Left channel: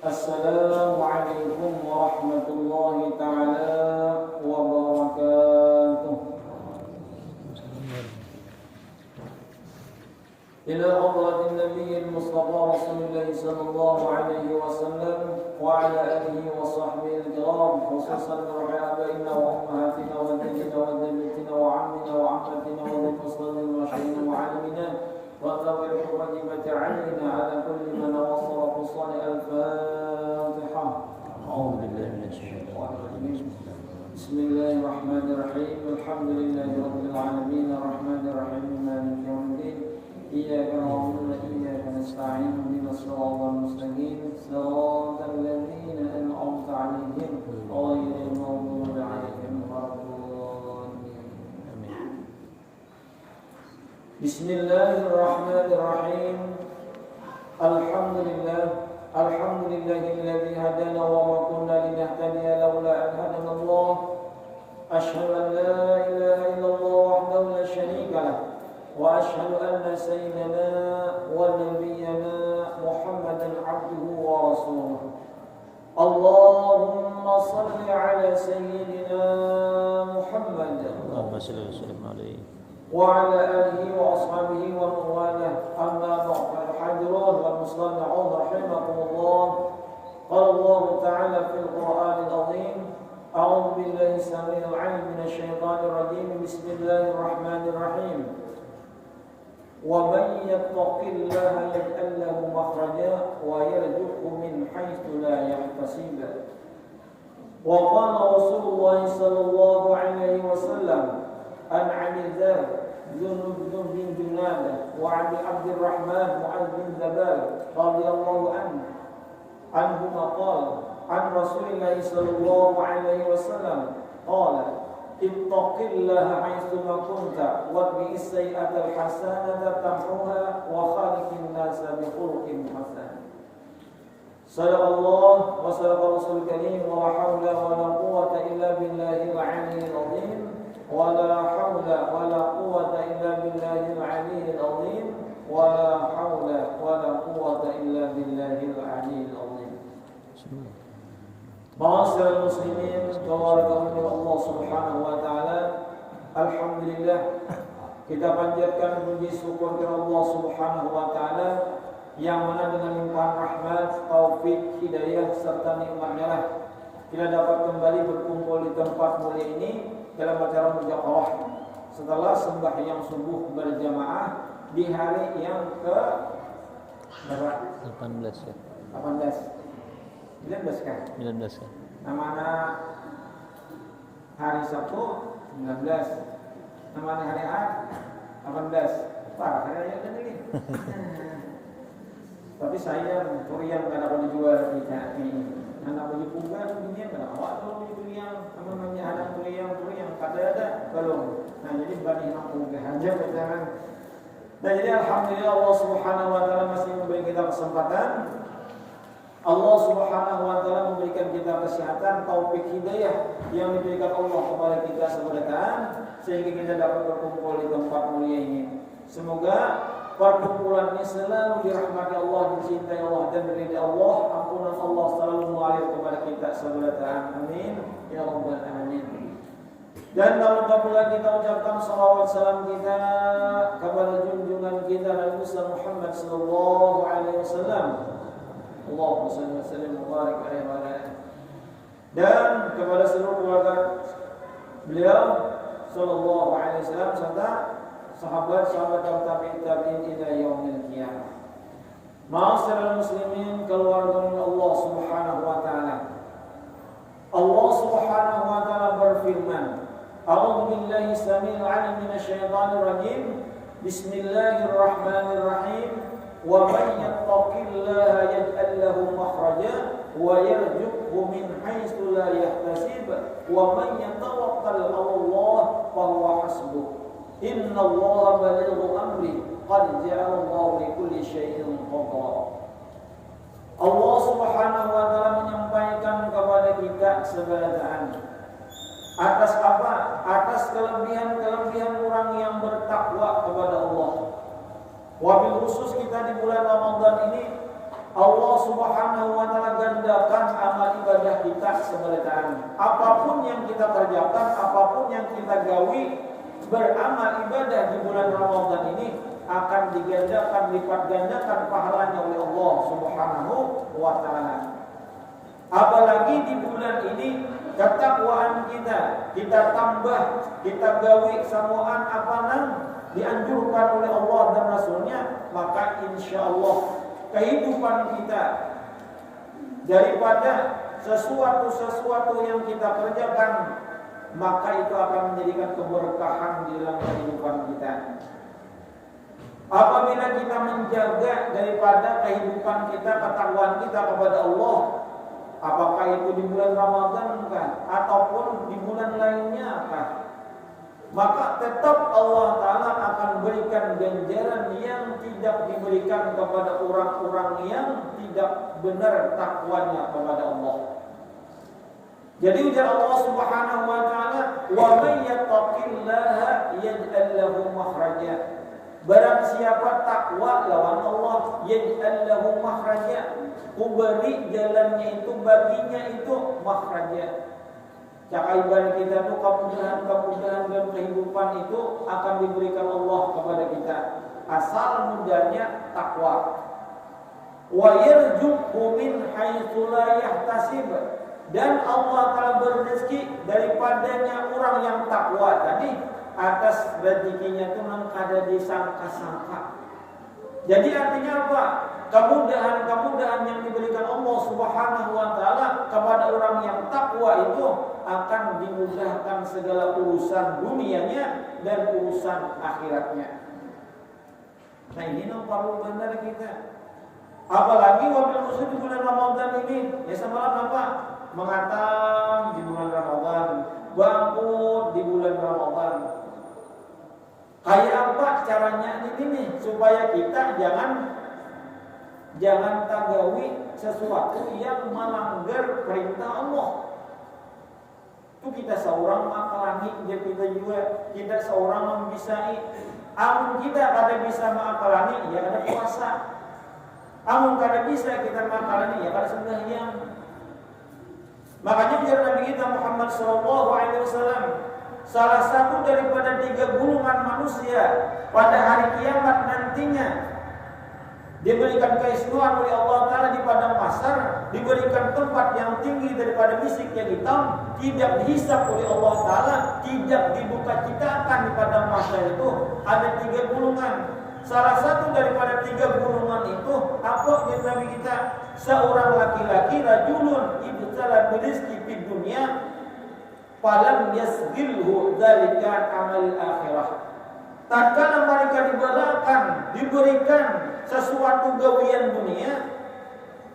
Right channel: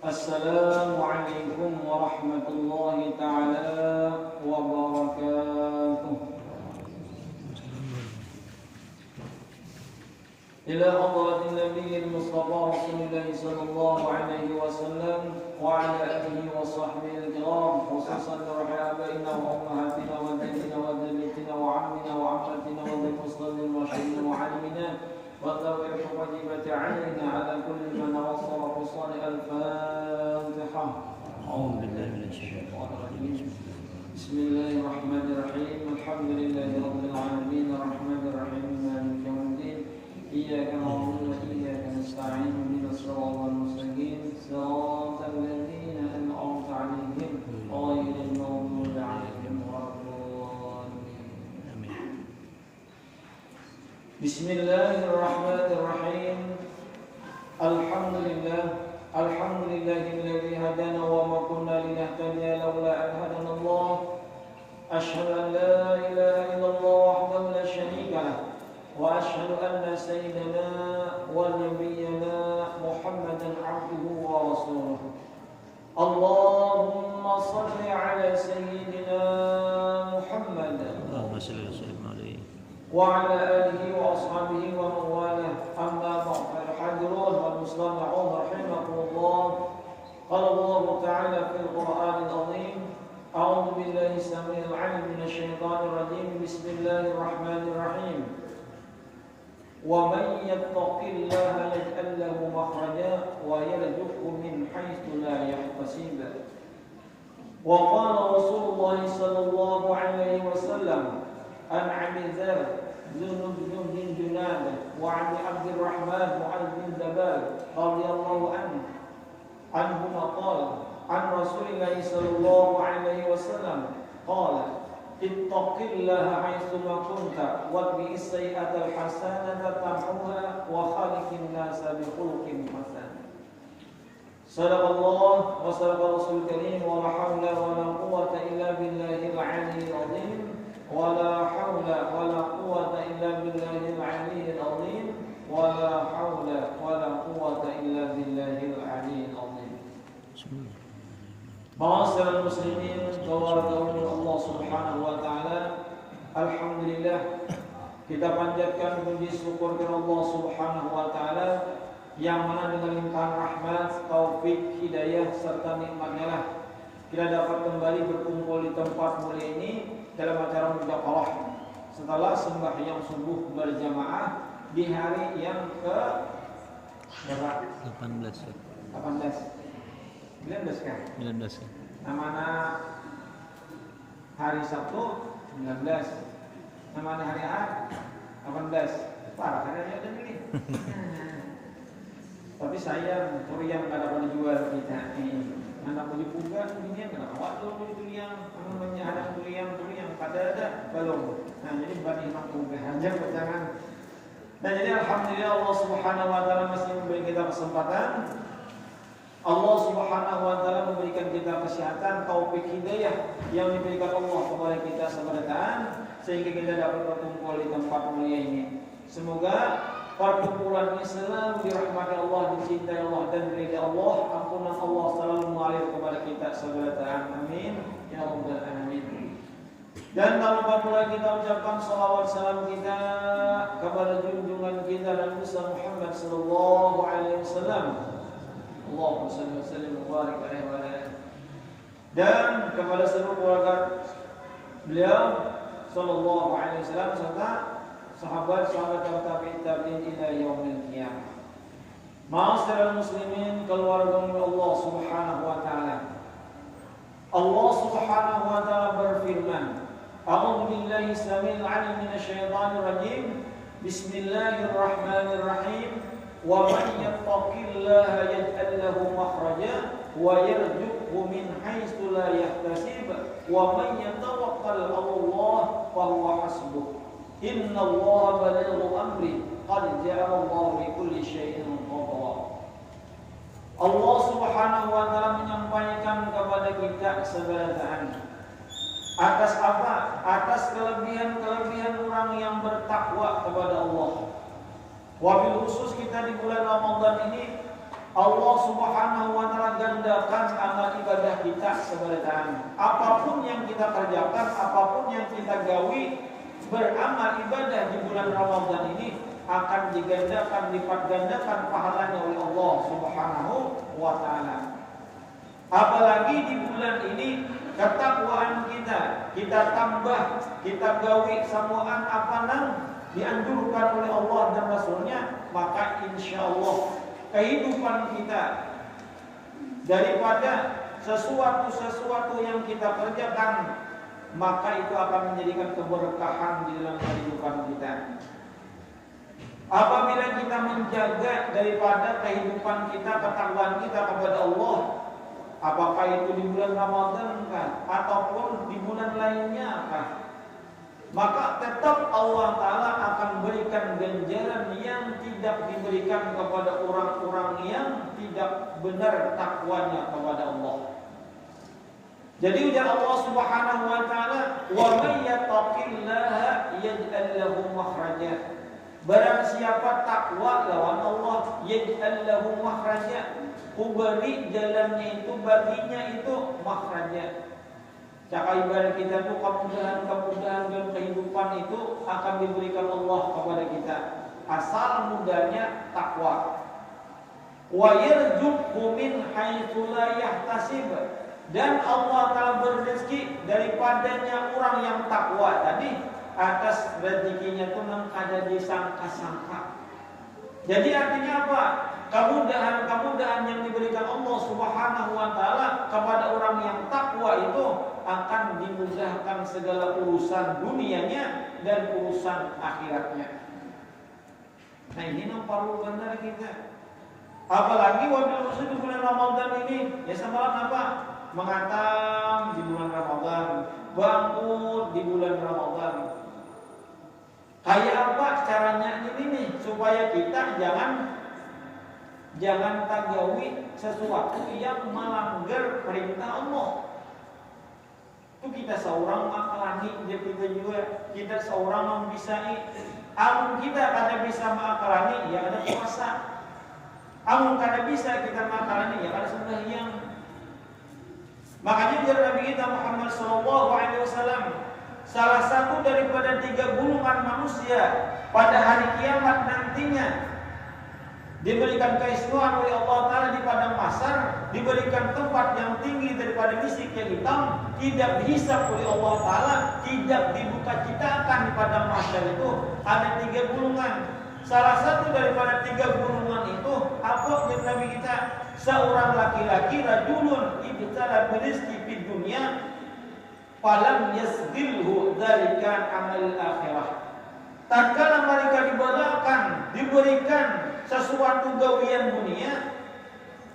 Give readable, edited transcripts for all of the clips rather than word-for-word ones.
Assalamualaikum warahmatullahi ta'ala wabarakatuh. Ila hadratin nabiyil mustafa Rasulullah sallallahu alaihi wasallam wa ala alihi wa sahbihi al-kiram, khususan rabbina wa ummahatina wa jadina wa jaddatina wa ammina wa ammatina wa muslimin wa syaikhina wa alimina wa tawfiq wajibati alaina ala kulli man wasara fi salih al-Fatiha. A'udzu billahi minasy syaithanir rajim. Bismillahirrahmanirrahim. Alhamdulillahi rabbil alamin arrahmanir rahim maliki yaumiddin. Iyyaka na'budu wa iyyaka nasta'in ihdinas siratal mustaqim siratal ladzina an'amta 'alaihim ghairil maghdubi 'alaihim waladdallin. Bismillahirrahmanirrahim. Alhamdulillahilladzi hadana wa ma kunna linahtadiya laula an hadana Allah. Asyhadu an la ilaha illallah wahdahu la syarika lah. وأشهد أن سيدنا ونبينا محمدا عبده ورسوله. اللهم صل على سيدنا محمد اللهم صل وسلم عليه وعلى آله وأصحابه ومن والاه. أما بعد الحاضرون والمستمعون رحمكم الله. قال الله تعالى في القرآن العظيم: أعوذ بالله السميع العليم من الشيطان الرجيم. بسم الله الرحمن الرحيم. ومن يتق الله يجعل له مخرجا ويرزقه من حيث لا يحتسب. وقال رسول الله صلى الله عليه وسلم عن أبي ذر بن جنادة وعن عبد الرحمن معاذ بن جبل رضي الله عنهما قال عن رسول الله صلى الله عليه وسلم قال: ittaqillaha haitsuma kunta waqi as-sayyi'ata al-hasanata tamhuha wa khaliqin nasa bi khuluqin hasan. Sadaqallah wa sadaqa Rasul Karim wa la haula wa la quwwata illa billahil 'aliyyil 'azim wa la haula wa la quwwata illa billahil 'aliyyil 'azim wa la haula wa la quwwata illa billahil 'aliyyil 'azim. Ma'asyiral muslimin, tawakkal Allah Subhanahu wa taala. Alhamdulillah, kita panjatkan puji syukur kepada Allah Subhanahu wa taala yang mana dengan limpahan rahmat, taufik, hidayah serta nikmat-Nya lah kita dapat kembali berkumpul di tempat mulia ini dalam acara mudzakarah setelah sembahyang subuh berjamaah di hari yang ke 19 kan? 19 ya. Namanya hari Sabtu 19. Namanya hari Ahad 18. Wah, saya ada ini. Tapi saya turiang kada boleh jual kita ini. Anak boleh buka dunia kada awak boleh turiang. Namanya ada turiang kada ada belum. Nah, jadi bagi anak boleh aja jangan. Dan jadi alhamdulillah Allah Subhanahu wa taala masih memberi kita kesempatan. Allah Subhanahu wa taala memberikan kita kesehatan, taufik, hidayah yang diberikan Allah kepada kita sebenarnya sehingga kita dapat berkumpul di tempat mulia ini. Semoga perkumpulan ini selalu dirahmati Allah, dicintai Allah dan diridhai Allah. Ampunan Allah selalu mengalir kepada kita sebenarnya. Amin ya rabbal alamin. Dan tak lupa pula kita ucapkan salawat salam kita kepada junjungan kita Nabi Muhammad sallallahu alaihi wasallam. Allahumma salli wa sallim wa barik alaihi wa alihi. Dan kepada seluruh keluarga beliau sallallahu alaihi wasallam serta sahabat-sahabat tabi'in ila yaumil qiyamah. Ma'asyiral muslimin, keluarga Allah Subhanahu wa taala. Allah Subhanahu wa taala berfirman, A'udzu billahi samil 'alim minasy syaithanir rajim. Bismillahirrahmanirrahim. وَمَنْ يَتَّقِ اللَّهَ يَجْعَلْ لَهُ مَخْرَجًا وَيَرْزُقْهُ مِنْ حَيْثُ لَا يَحْتَسِبُ وَمَنْ يَتَوَكَّلْ عَلَى اللَّهِ فَهُوَ حَسْبُهُ إِنَّ اللَّهَ بَلِيغُ أَمْرِهِ قَدْ جَعَلَ اللَّهُ لِكُلِّ شَيْءٍ قَدْرًا. Allah Subhanahu wa taala menyampaikan kepada kita sebagian atas apa? Atas kelebihan-kelebihan orang yang bertakwa kepada Allah. Wabil khusus kita di bulan Ramadan ini Allah Subhanahu wa taala keberkahan. Apapun yang kita kerjakan, apapun yang kita gawi, beramal ibadah di bulan Ramadan ini akan digandakan, lipat gandakan pahalanya oleh Allah Subhanahu wa taala. Apalagi di bulan ini ketakwaan kita tambah, kita gawi samuan apanan dianjurkan oleh Allah dan Rasulnya, maka insya Allah kehidupan kita daripada sesuatu yang kita kerjakan, maka itu akan menjadikan keberkahan di dalam kehidupan kita. Apabila kita menjaga daripada kehidupan kita, ketakwaan kita kepada Allah, apakah itu di bulan Ramadan kah, ataupun di bulan lainnya kah, maka tetap Allah Ta'ala akan berikan ganjaran yang tidak diberikan kepada orang-orang yang tidak benar takwanya kepada Allah. Jadi ujar Allah Subhanahu wa taala, "Wa may yattaqillaha yaj'al lahu makhraja." Barang siapa takwa lawan Allah, yaj'al lahu makhraja, kuberi jalannya itu baginya itu makhraja. Cara ibadah kita itu kemudahan dalam kehidupan itu akan diberikan Allah kepada kita asal mudahnya takwa. Wa yarzuqhu min haitsu la yahtasib. Dan Allah Ta'ala berrezeki daripadanya orang yang takwa tadi, atas rezekinya itu ada disangka-sangka. Jadi artinya apa? Kemudahan yang diberikan Allah Subhanahu wa taala kepada orang yang takwa itu akan dimudahkan segala urusan dunianya dan urusan akhiratnya. Nah, ini perlu benar kita. Apalagi wabil khusus di bulan Ramadan ini, ya semalam apa? Mengatam di bulan Ramadan, bangkut di bulan Ramadan. Kayak apa caranya ini nih supaya kita jangan tagawi sesuatu yang melanggar perintah Allah. Itu kita seorang mengakalani, kita juga kita seorang membisai. Amun kita kada bisa mengakalani, ya ada puasa. Amun kada bisa kita mengakalani, ya ada sembahyang. Makanya ujar Nabi kita Muhammad SAW, salah satu daripada 3 golongan manusia pada hari kiamat nantinya diberikan keistimewaan oleh Allah Ta'ala di padang mahsyar, diberikan tempat yang tinggi daripada misik yang hitam, tidak dihisap oleh Allah Ta'ala, tidak dibuka citakan di padang mahsyar itu. Ada 3 golongan. Salah satu daripada 3 golongan itu apa yang Nabi kita? Seorang laki-laki rajulun ibtala birizqi fid dunya falam yasdilhu dzalika amal akhirah. Tatkala mereka diberikan sesuatu gawian dunia,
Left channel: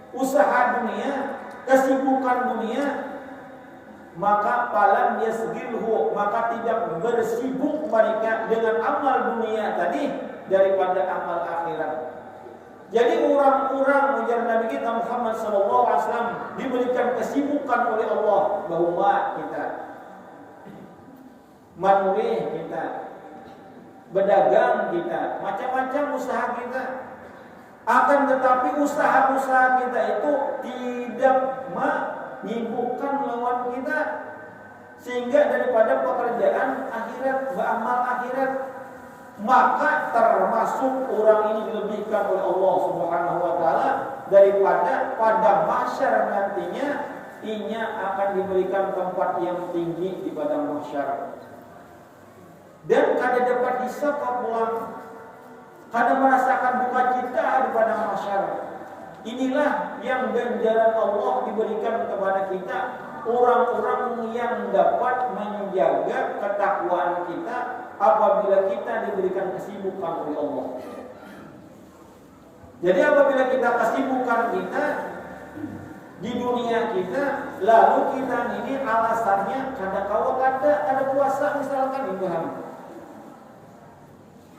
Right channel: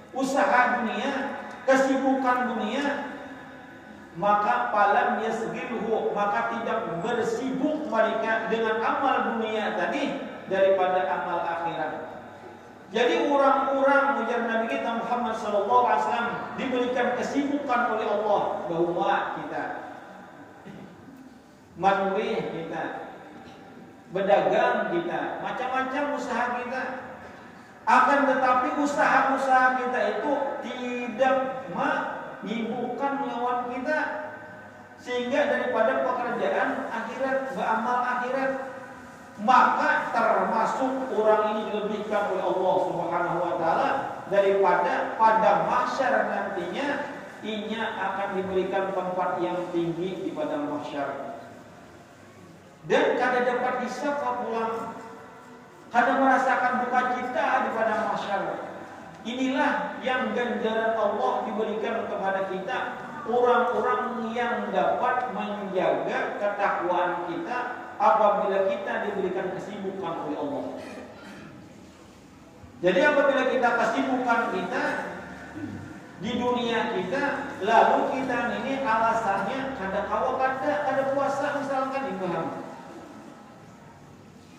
usaha dunia, kesibukan dunia, maka falam yasdilhu, maka tidak bersibuk mereka dengan amal dunia tadi daripada amal akhirat. Jadi orang-orang ujar Nabi kita Muhammad SAW diberikan kesibukan oleh Allah, bahwa kita menulis kita, berdagang kita, macam-macam usaha kita. Akan tetapi usaha-usaha kita itu tidak menyibukkan lawan kita, sehingga daripada pekerjaan akhirat, beramal akhirat, maka termasuk orang ini dilebihkan oleh Allah Subhanahu wa taala daripada pada mahsyar nantinya inya akan diberikan tempat yang tinggi di padang mahsyar. Dan kada dapat hisab pulang, kada merasakan duka cita di padang mahsyar. Inilah yang ganjaran Allah diberikan kepada kita, orang-orang yang dapat menjaga ketakwaan kita apabila kita diberikan kesibukan oleh Allah. Jadi apabila kita kesibukan kita di dunia kita, lalu kita ini alasannya kada puasa misalkan ibahan.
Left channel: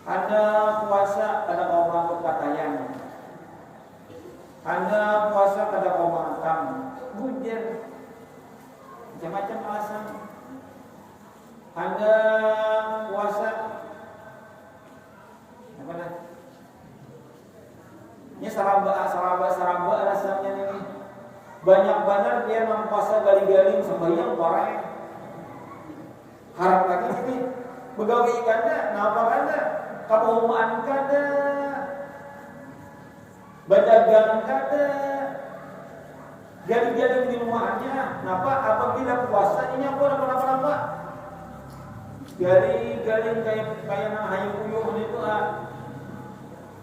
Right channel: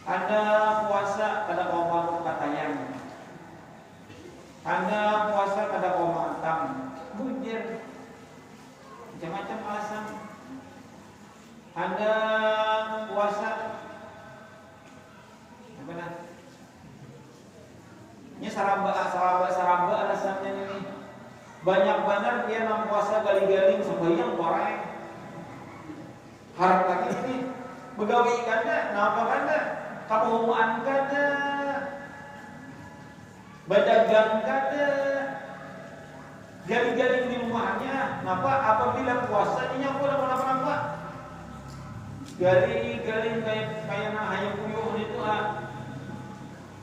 Ada puasa kada kawan katayan. Ada puasa kada kawan matam. Mujir. Macam-macam alasan. Anda puasa apa dah? Ini saramba alasannya ini. banyak banget dia nang puasa gali-gali sembahyang bareng. Harap lagi ini begawi kada, napa kada, kamuan kada, berdagang kada, gali-gali di rumahnya. Napa apabila puasa ini aku apa? Gali-gali kayak nang hayang kuyuh itu lah.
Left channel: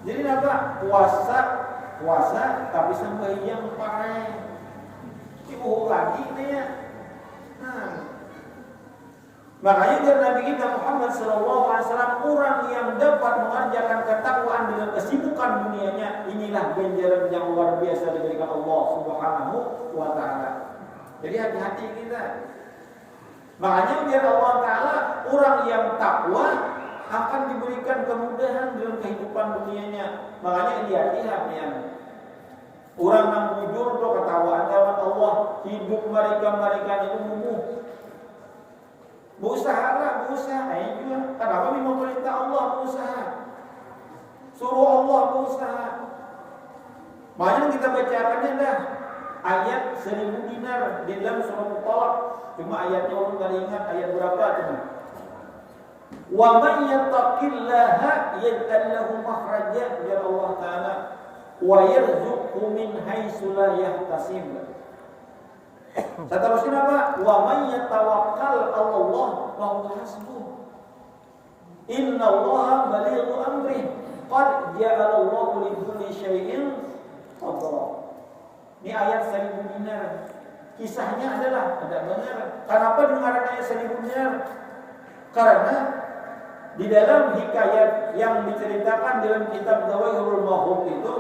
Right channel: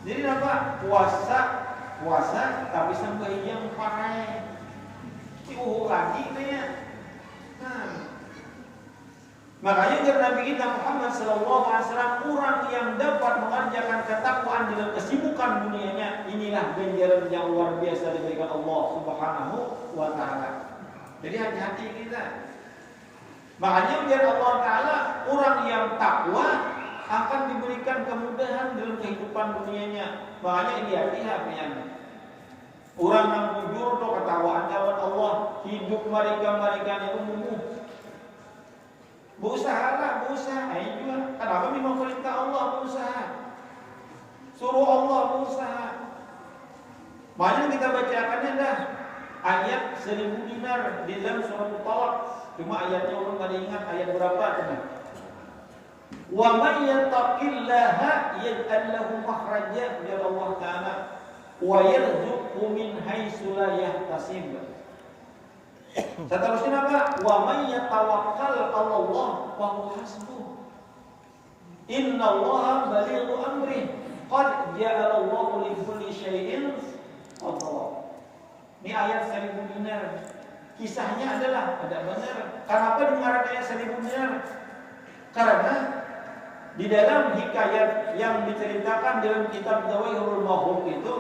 Jadi napa puasa tapi sembahyang pakai itu lagi kayaknya. Makanya dari Nabi kita Muhammad SAW, orang yang dapat mengerjakan ketakwaan dalam kesibukan dunianya, inilah ganjaran yang luar biasa diberikan Allah Subhanahu wa Ta'ala. Jadi hati-hati kita. Makanya biar Allah Ta'ala, orang yang takwa akan diberikan kemudahan dalam kehidupan dunianya. Makanya lihat ya. Orang yang jujur itu ketawaan jawab Allah, hidup mereka itu mumuh. Berusaha. Juga. Kenapa minum perintah Allah berusaha? Suruh Allah berusaha. Makanya kita bacakannya dah ayat 1000 dinar di dalam surah Al-Talaq. Cuma ayatnya orang kada ingat ayat berapa tadi. Wa may yattaqillaha yaj'al lahu makhraja, ya Allah Ta'ala, wa yarzuqhu min haitsu la yahtasib. Seterusnya apa? Wa may yatawakkal 'ala Allah fa huwa hasbuh. Innallaha balighu amrih. Qad ja'ala Allahu li kulli syai'in qadara. Ini ayat 1000 dinar. Kisahnya adalah ada benar. Kenapa dengarkan ayat 1000 dinar? Karena di dalam hikayat yang diceritakan dalam kitab Zawaihirul Mahfuz itu,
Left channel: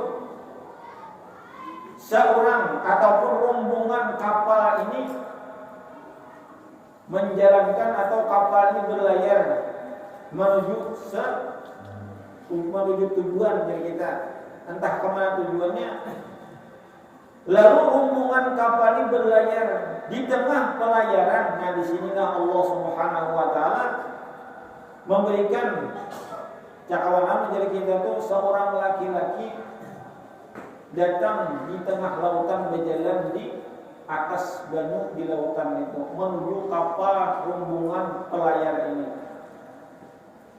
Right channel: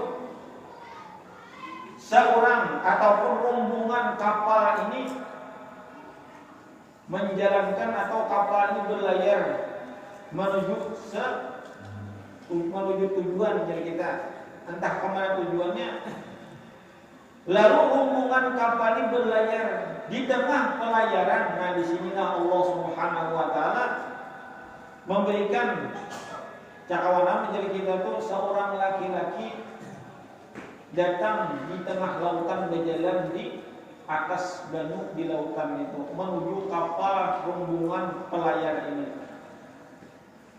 seorang ataupun rombongan kapal ini menjalankan atau kapal ini berlayar menuju tujuan dari kita, entah kemana tujuannya. Lalu rombongan kapal ini berlayar di tengah pelayaran. Nah, di sinilah Allah Subhanahu wa Ta'ala memberikan cakawanan menjadi kita tuh seorang laki-laki datang di tengah lautan, berjalan di atas banu di lautan itu menuju kapal rombongan pelayar ini.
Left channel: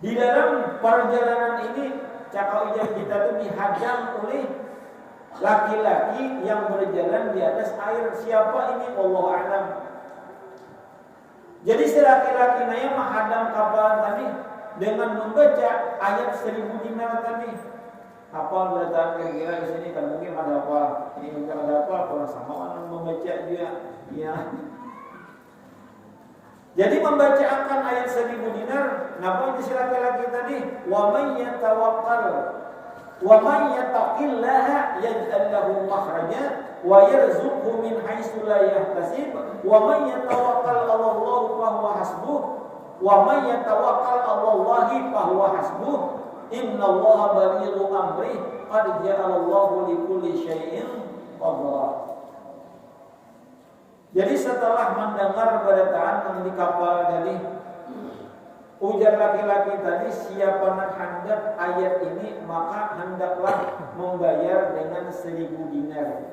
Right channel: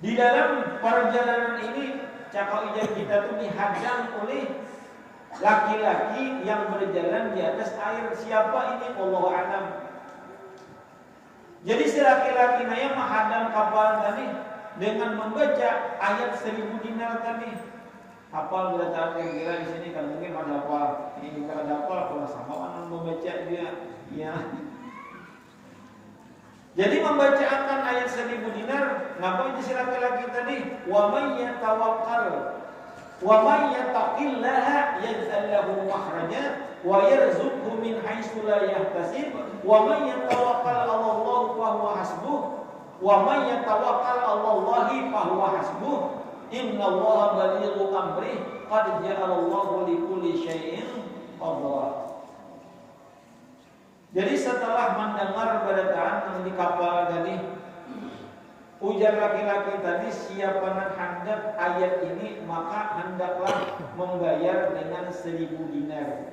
Di dalam perjalanan ini cakap ijab kita tuh dihadang oleh laki-laki yang berjalan di atas air. Siapa ini? Wallahu a'lam. Jadi si laki-laki naya menghadang kapal tadi dengan membaca ayat 1000 dinar tadi. Kapal berdatang kira di sini kan mungkin ada apa? Ini ada apa? Kalau sama orang membaca dia, ya. Jadi membacakan ayat 1000 dinar, napa si laki-laki tadi? Wa may yatawakkal wa may yattaqillaha yaj'al lahu makhraja wa yarzuqhu min haitsu la yahtasib wa may yatawakkal 'ala Allah fa huwa hasbuh wa may yatawakkal 'ala Allah fa huwa hasbuh innallaha balighu amrih qad ja'ala Allahu li kulli syai'in qadara. Jadi setelah mendengar beritaan di kapal tadi, ujar laki-laki tadi, siapa yang hendak ayat ini maka hendaklah membayar dengan 1000 dinar.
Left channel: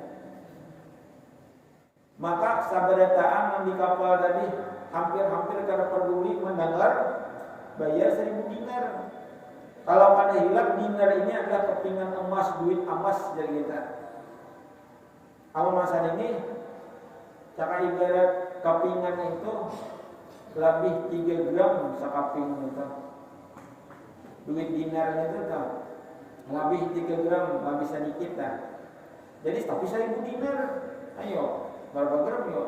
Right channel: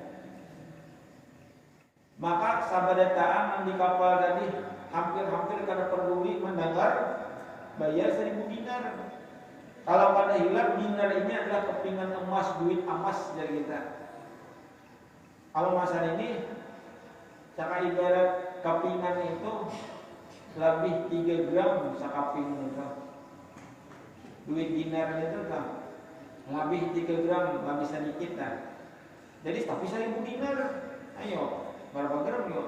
Maka sabadataan di kapal tadi hampir kada peduli mendengar bayar 1000 dinar. Kalau kada hilang dinar ini adalah kepingan emas, duit emas dari kita. Awal masa ini cakap ibarat kepingan itu lebih 3 gram sekaping itu. Duit dinar itu kan lebih 3 gram, lebih sedikit lah. Jadi tapi 1000 dinar, ayo berapa gram yo?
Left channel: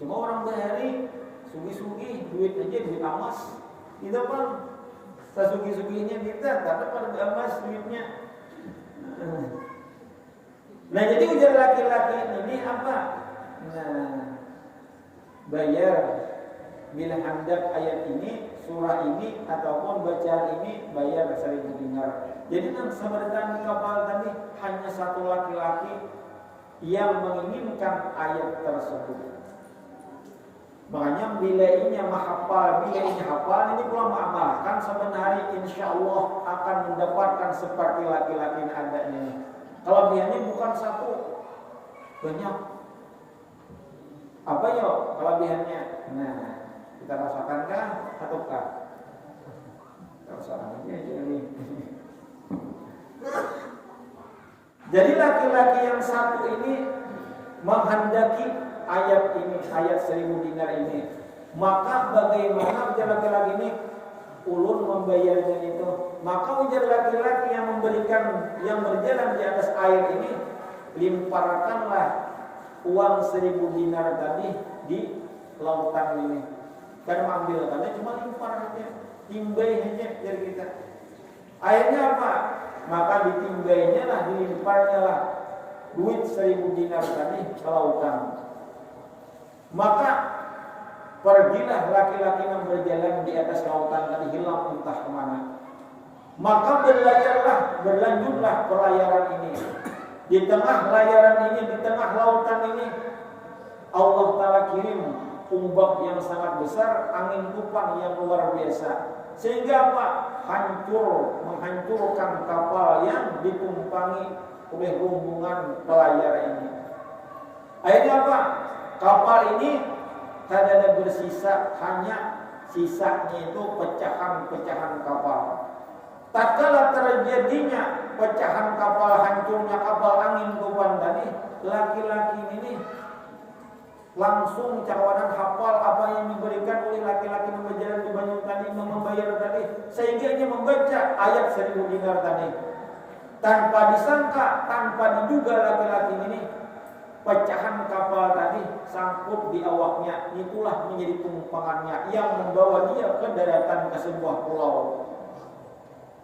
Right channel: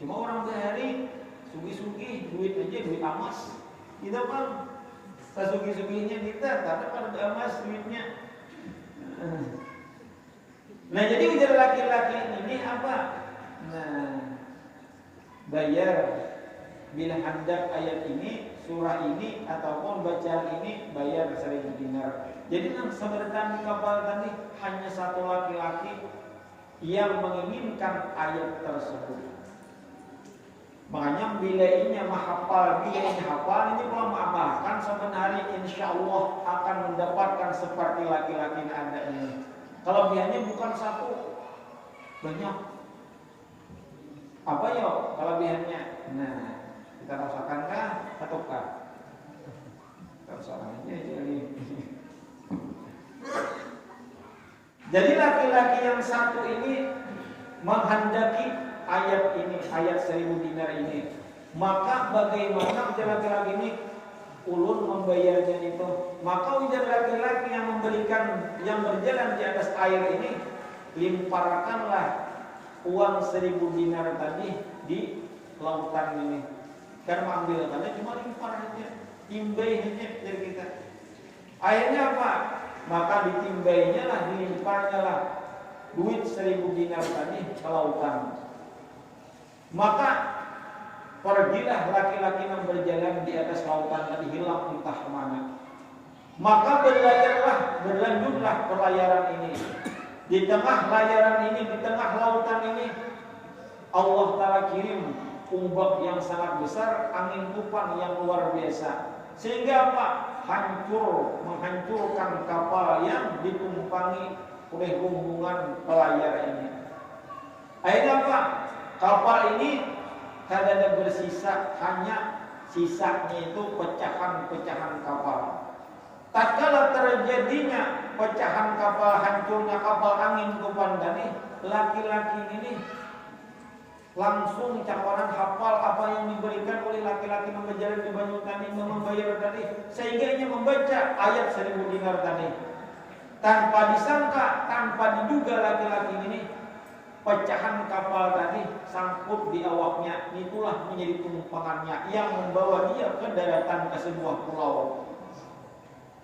Cuma orang bahari sugi-sugi duit aja, duit emas. Itu kan sasugi-suginya kita dapat pada emas duitnya. Nah, jadi ujar laki-laki ini apa? Nah, bayar bila hendak ayat ini, surah ini ataupun bacaan ini bayar 1000 dinar. Jadi yang sebenarnya di kapal tadi hanya satu laki-laki yang menginginkan ayat tersebut. Makanya bila ini menghafal, bila ini hafal, ini kalau mengamalkan sebenarnya insya Allah akan mendapatkan seperti laki-laki yang ada ini. Kelebihannya bukan satu, banyak. Apa ya kelebihannya? Nah, kita rasakan ataukah? Rasakan aja jadi. Jadi laki-laki yang satu ini menghendaki ayat ini, ayat 1000 dinar ini. Maka bagaimana ujar laki-laki ini ulun membayarnya itu? Maka ujar laki-laki yang memberikan, yang berjalan di atas air ini, limparkanlah uang 1000 dinar tadi di lautan ini. Dan mengambil tadi cuma limpar aja, timbai aja dari kita. Akhirnya apa? Maka ditimbainya lah, dilimparnya lah duit 1000 dinar tadi ke lautan. Maka pergilah laki-laki yang berjalan di atas lautan tadi, hilang entah kemana. Maka berlanjutlah pelayaran ini. Di tengah layaran ini, di tengah lautan ini, Allah Ta'ala kirim ombak yang sangat besar, angin tufan yang luar biasa. Sehingga apa? Menghancurkan kapal yang ditumpangi oleh rombongan pelayar ini. Akhirnya apa? Kapal ini tidak bersisa, hanya sisanya itu pecahan-pecahan kapal. Tatkala terjadinya pecahan kapal, hancurnya kapal angin tufan tadi, laki-laki ini langsung cawanan hafal apa yang diberikan oleh laki-laki yang berjalan di banyu tadi, membayar tadi, sehingga ia membaca ayat 1000 dinar tadi. Tanpa disangka, tanpa diduga laki-laki ini pecahan kapal tadi sangkut di awaknya, itulah menjadi tumpangannya yang membawa dia ke daratan ke sebuah pulau.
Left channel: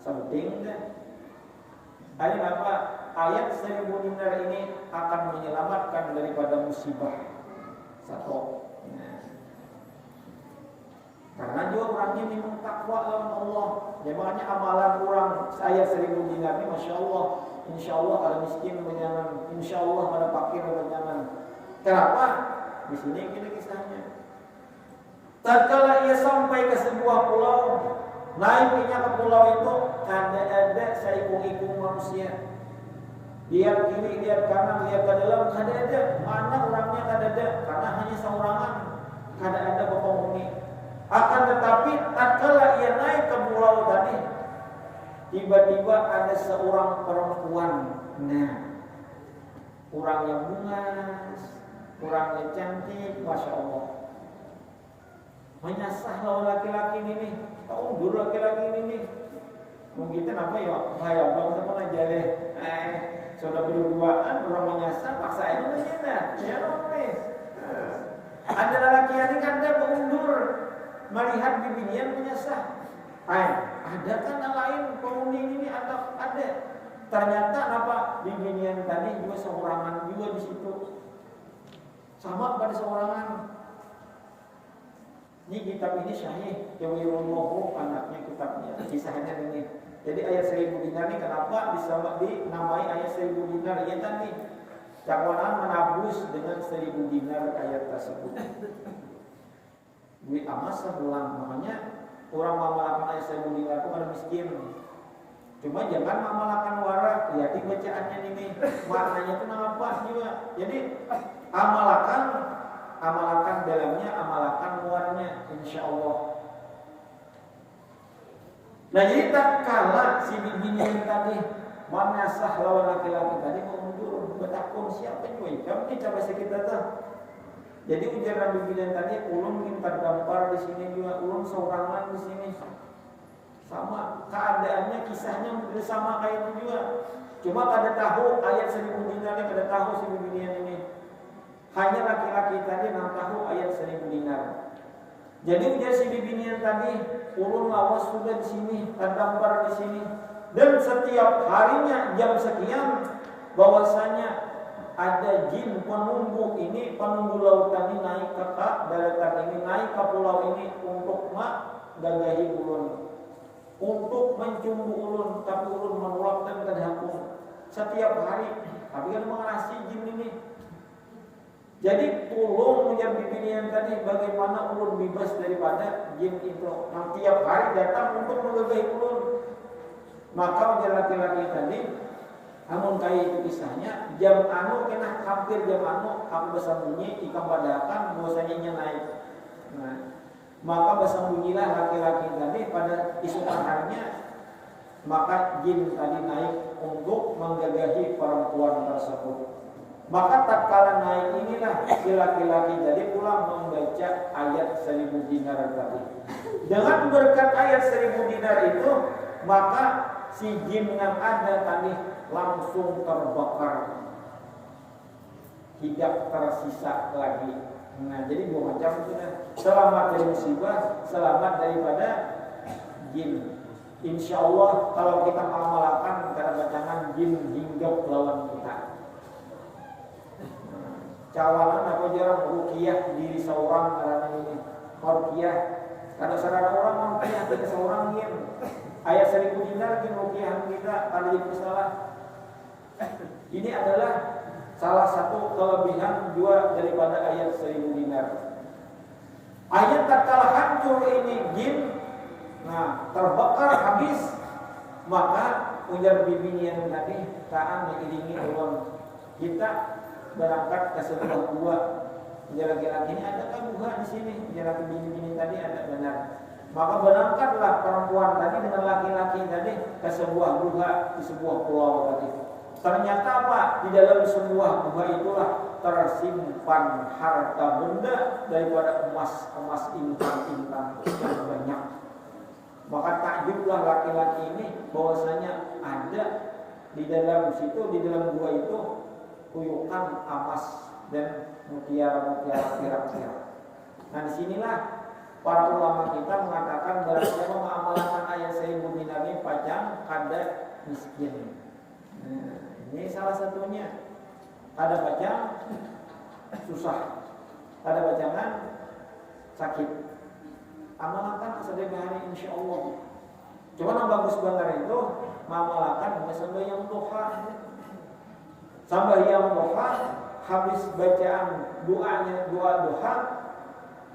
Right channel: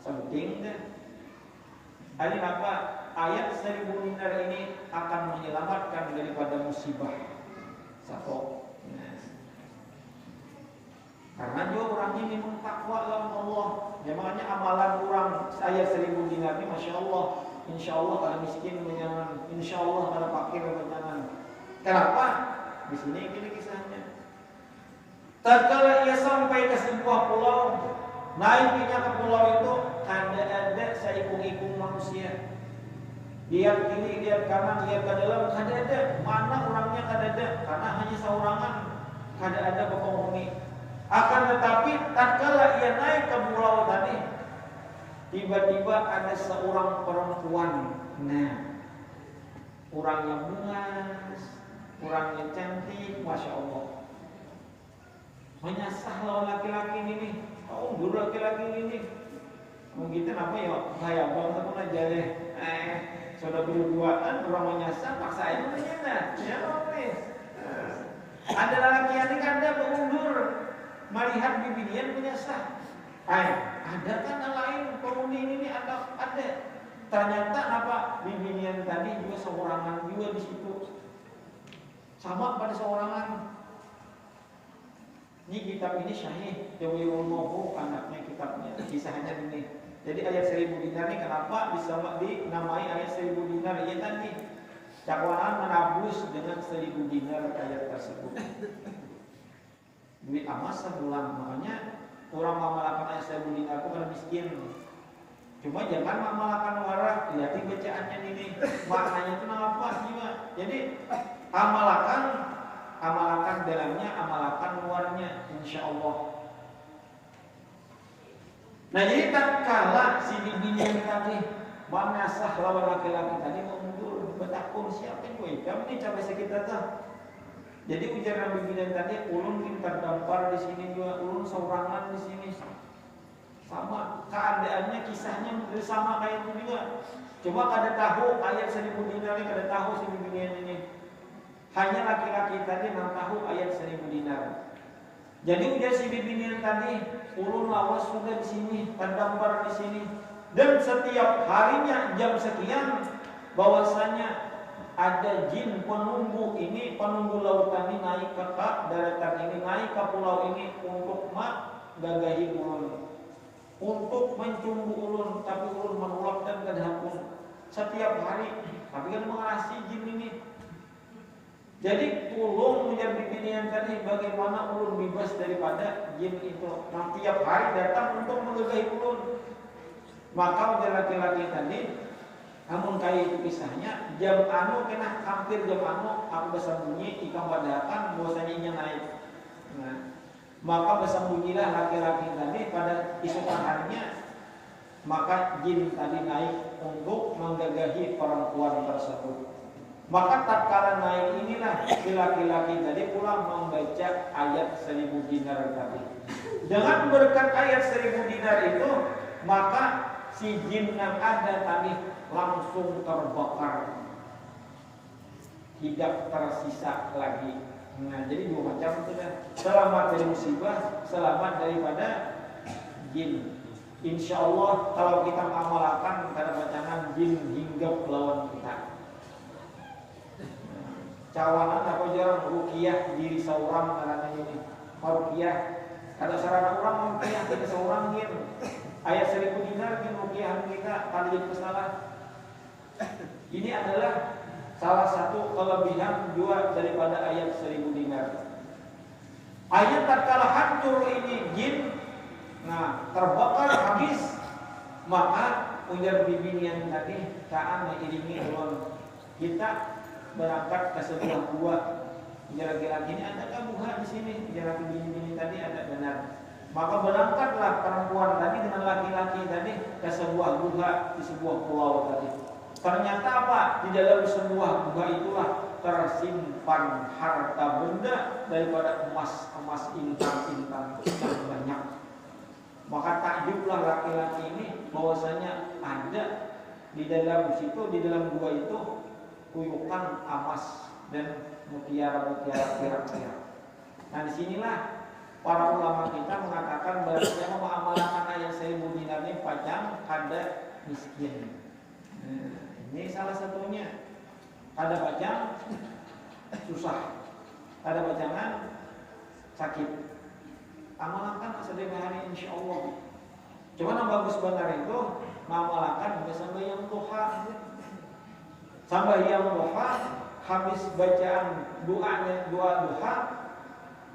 Penting kan? Ayat apa? Ayat 1000 dinar ini akan menyelamatkan daripada musibah. Satu. Nah. Karena dia orangnya memang takwa dalam Allah. Ya, makanya amalan orang ayat 1000 dinar ini, masya Allah, insya Allah kalau miskin berjalan, insya Allah kalau fakir berjalan. Kenapa? Di sini gini kisahnya. Tatkala ia sampai ke sebuah pulau, naiknya ke pulau itu kada ada seikung-ikung manusia. Lihat kiri, lihat kanan, lihat ke dalam, kada ada. Mana orangnya kada ada, karena hanya seorangan, kada ada penghuni. Akan tetapi tatkala ia naik ke pulau tadi, tiba-tiba ada seorang perempuan. Nah, orangnya bungas, orangnya cantik, masya Allah. Menyasar laki-laki ini, tahu dulu laki-laki ini. Mungkin apa ya? Saya belum ketemu aja deh. Sudah berduaan, orang menyasar, paksa itu aja. Siapa nih? Ada laki ini kan dia mengundur, melihat bibinya menyasar. Ada kan lain penghuni ini ada. Ternyata apa? Bibinya tadi juga seorangan juga di situ. Sama pada seorangan. Ini kitab ini Syahih Jawahirul Ma'ani, anaknya kitabnya, kisahnya ini. Jadi ayat 1000 dinar ini kenapa bisa dinamai ayat 1000 dinar? Ya tadi dakwanan menabus dengan 1000 dinar ayat tersebut. Duit amas sebulan, makanya orang mengamalkan ayat 1000 dinar itu kan miskin. Cuma jangan mengamalkan warak, lihat bacaannya ini, maknanya itu apa juga. Jadi amalkan dalamnya, amalkan luarnya, insya Allah. Nah, jadi tatkala si bibinya tadi menasah lawan laki-laki tadi mengundur, bertakung siapa yang kami ini sampai sekitar tuh. Jadi ujar Nabi bilang tadi, ulun tingkat dampar di sini juga, ulun seorangan di sini. Sama keadaannya, kisahnya sama kayak itu juga. Cuma kada tahu ayat 1000 dinar ini, kada tahu si bibinya ini. Hanya laki-laki tadi yang tahu ayat 1000 dinar. Jadi ujar si bibinya tadi, ulun lawas sudah di sini, terdampar di sini, dan setiap harinya jam sekian bahwasanya ada jin penunggu ini, penunggu lautan ini naik ke daratan ini, naik ke pulau ini untuk gagahi ulun, untuk mencumbu ulun, tapi ulun menolak dan kedahapun setiap hari. Tapi kan mengasih jin ini. Jadi tolong menjadi pilihan tadi bagaimana ulun bebas daripada jin itu. Nah, tiap hari datang untuk menggagahi ulun. Maka ujar laki-laki tadi, Namun kali itu kisahnya jam anu kena hampir jam anu aku bersembunyi ikan badakan bahwasanya naik. Nah, maka bersembunyilah laki-laki tadi pada isukan harinya, maka jin tadi naik untuk menggagahi perempuan tersebut. Maka tatkala naik inilah si laki-laki tadi pulang membaca ayat 1000 dinar tadi. Dengan berkat ayat 1000 dinar itu, maka si jin yang ada tadi langsung terbakar, tidak tersisa lagi. Nah, jadi dua macam itu kan. Selamat dari musibah, selamat daripada jin. Insya Allah kalau kita mengamalkan kada bacangan jin hinggap lawan kita. Cawanan atau jarang ruqyah diri seorang malam ini. Ruqyah kada sarana orang ruqyah kita seorang jin. Ayat 1000 dinar di ruqyah kita kalau jadi masalah. Ini adalah salah satu kelebihan dua daripada ayat 1000 dinar. Ayat tatkala hancur ini jin, nah terbakar habis, maka ujar bibinian tadi taan mengiringi ulun kita berangkat ke sebuah gua. Ujar laki-laki ini adakah gua di sini? Ujar bini-bini tadi ada benar. Maka berangkatlah perempuan tadi dengan laki-laki tadi ke sebuah gua di sebuah pulau tadi. Ternyata apa? Di dalam sebuah gua itulah tersimpan harta benda daripada emas intan-intan yang banyak. Maka takjublah laki-laki ini bahwasanya ada di dalam situ, di dalam gua itu kuyukan emas dan mutiara-mutiara pirang-pirang. Nah disinilah para ulama kita mengatakan bahwa siapa mengamalkan ayat 1000 dinar ini pajang ada miskin. Nah, ini salah satunya. Ada pajang susah, ada pajangan sakit. Amalkan setiap hari insya Allah. Cuma yang bagus benar itu mengamalkan sampai yang duha. Sampai yang duha habis bacaan doa duha,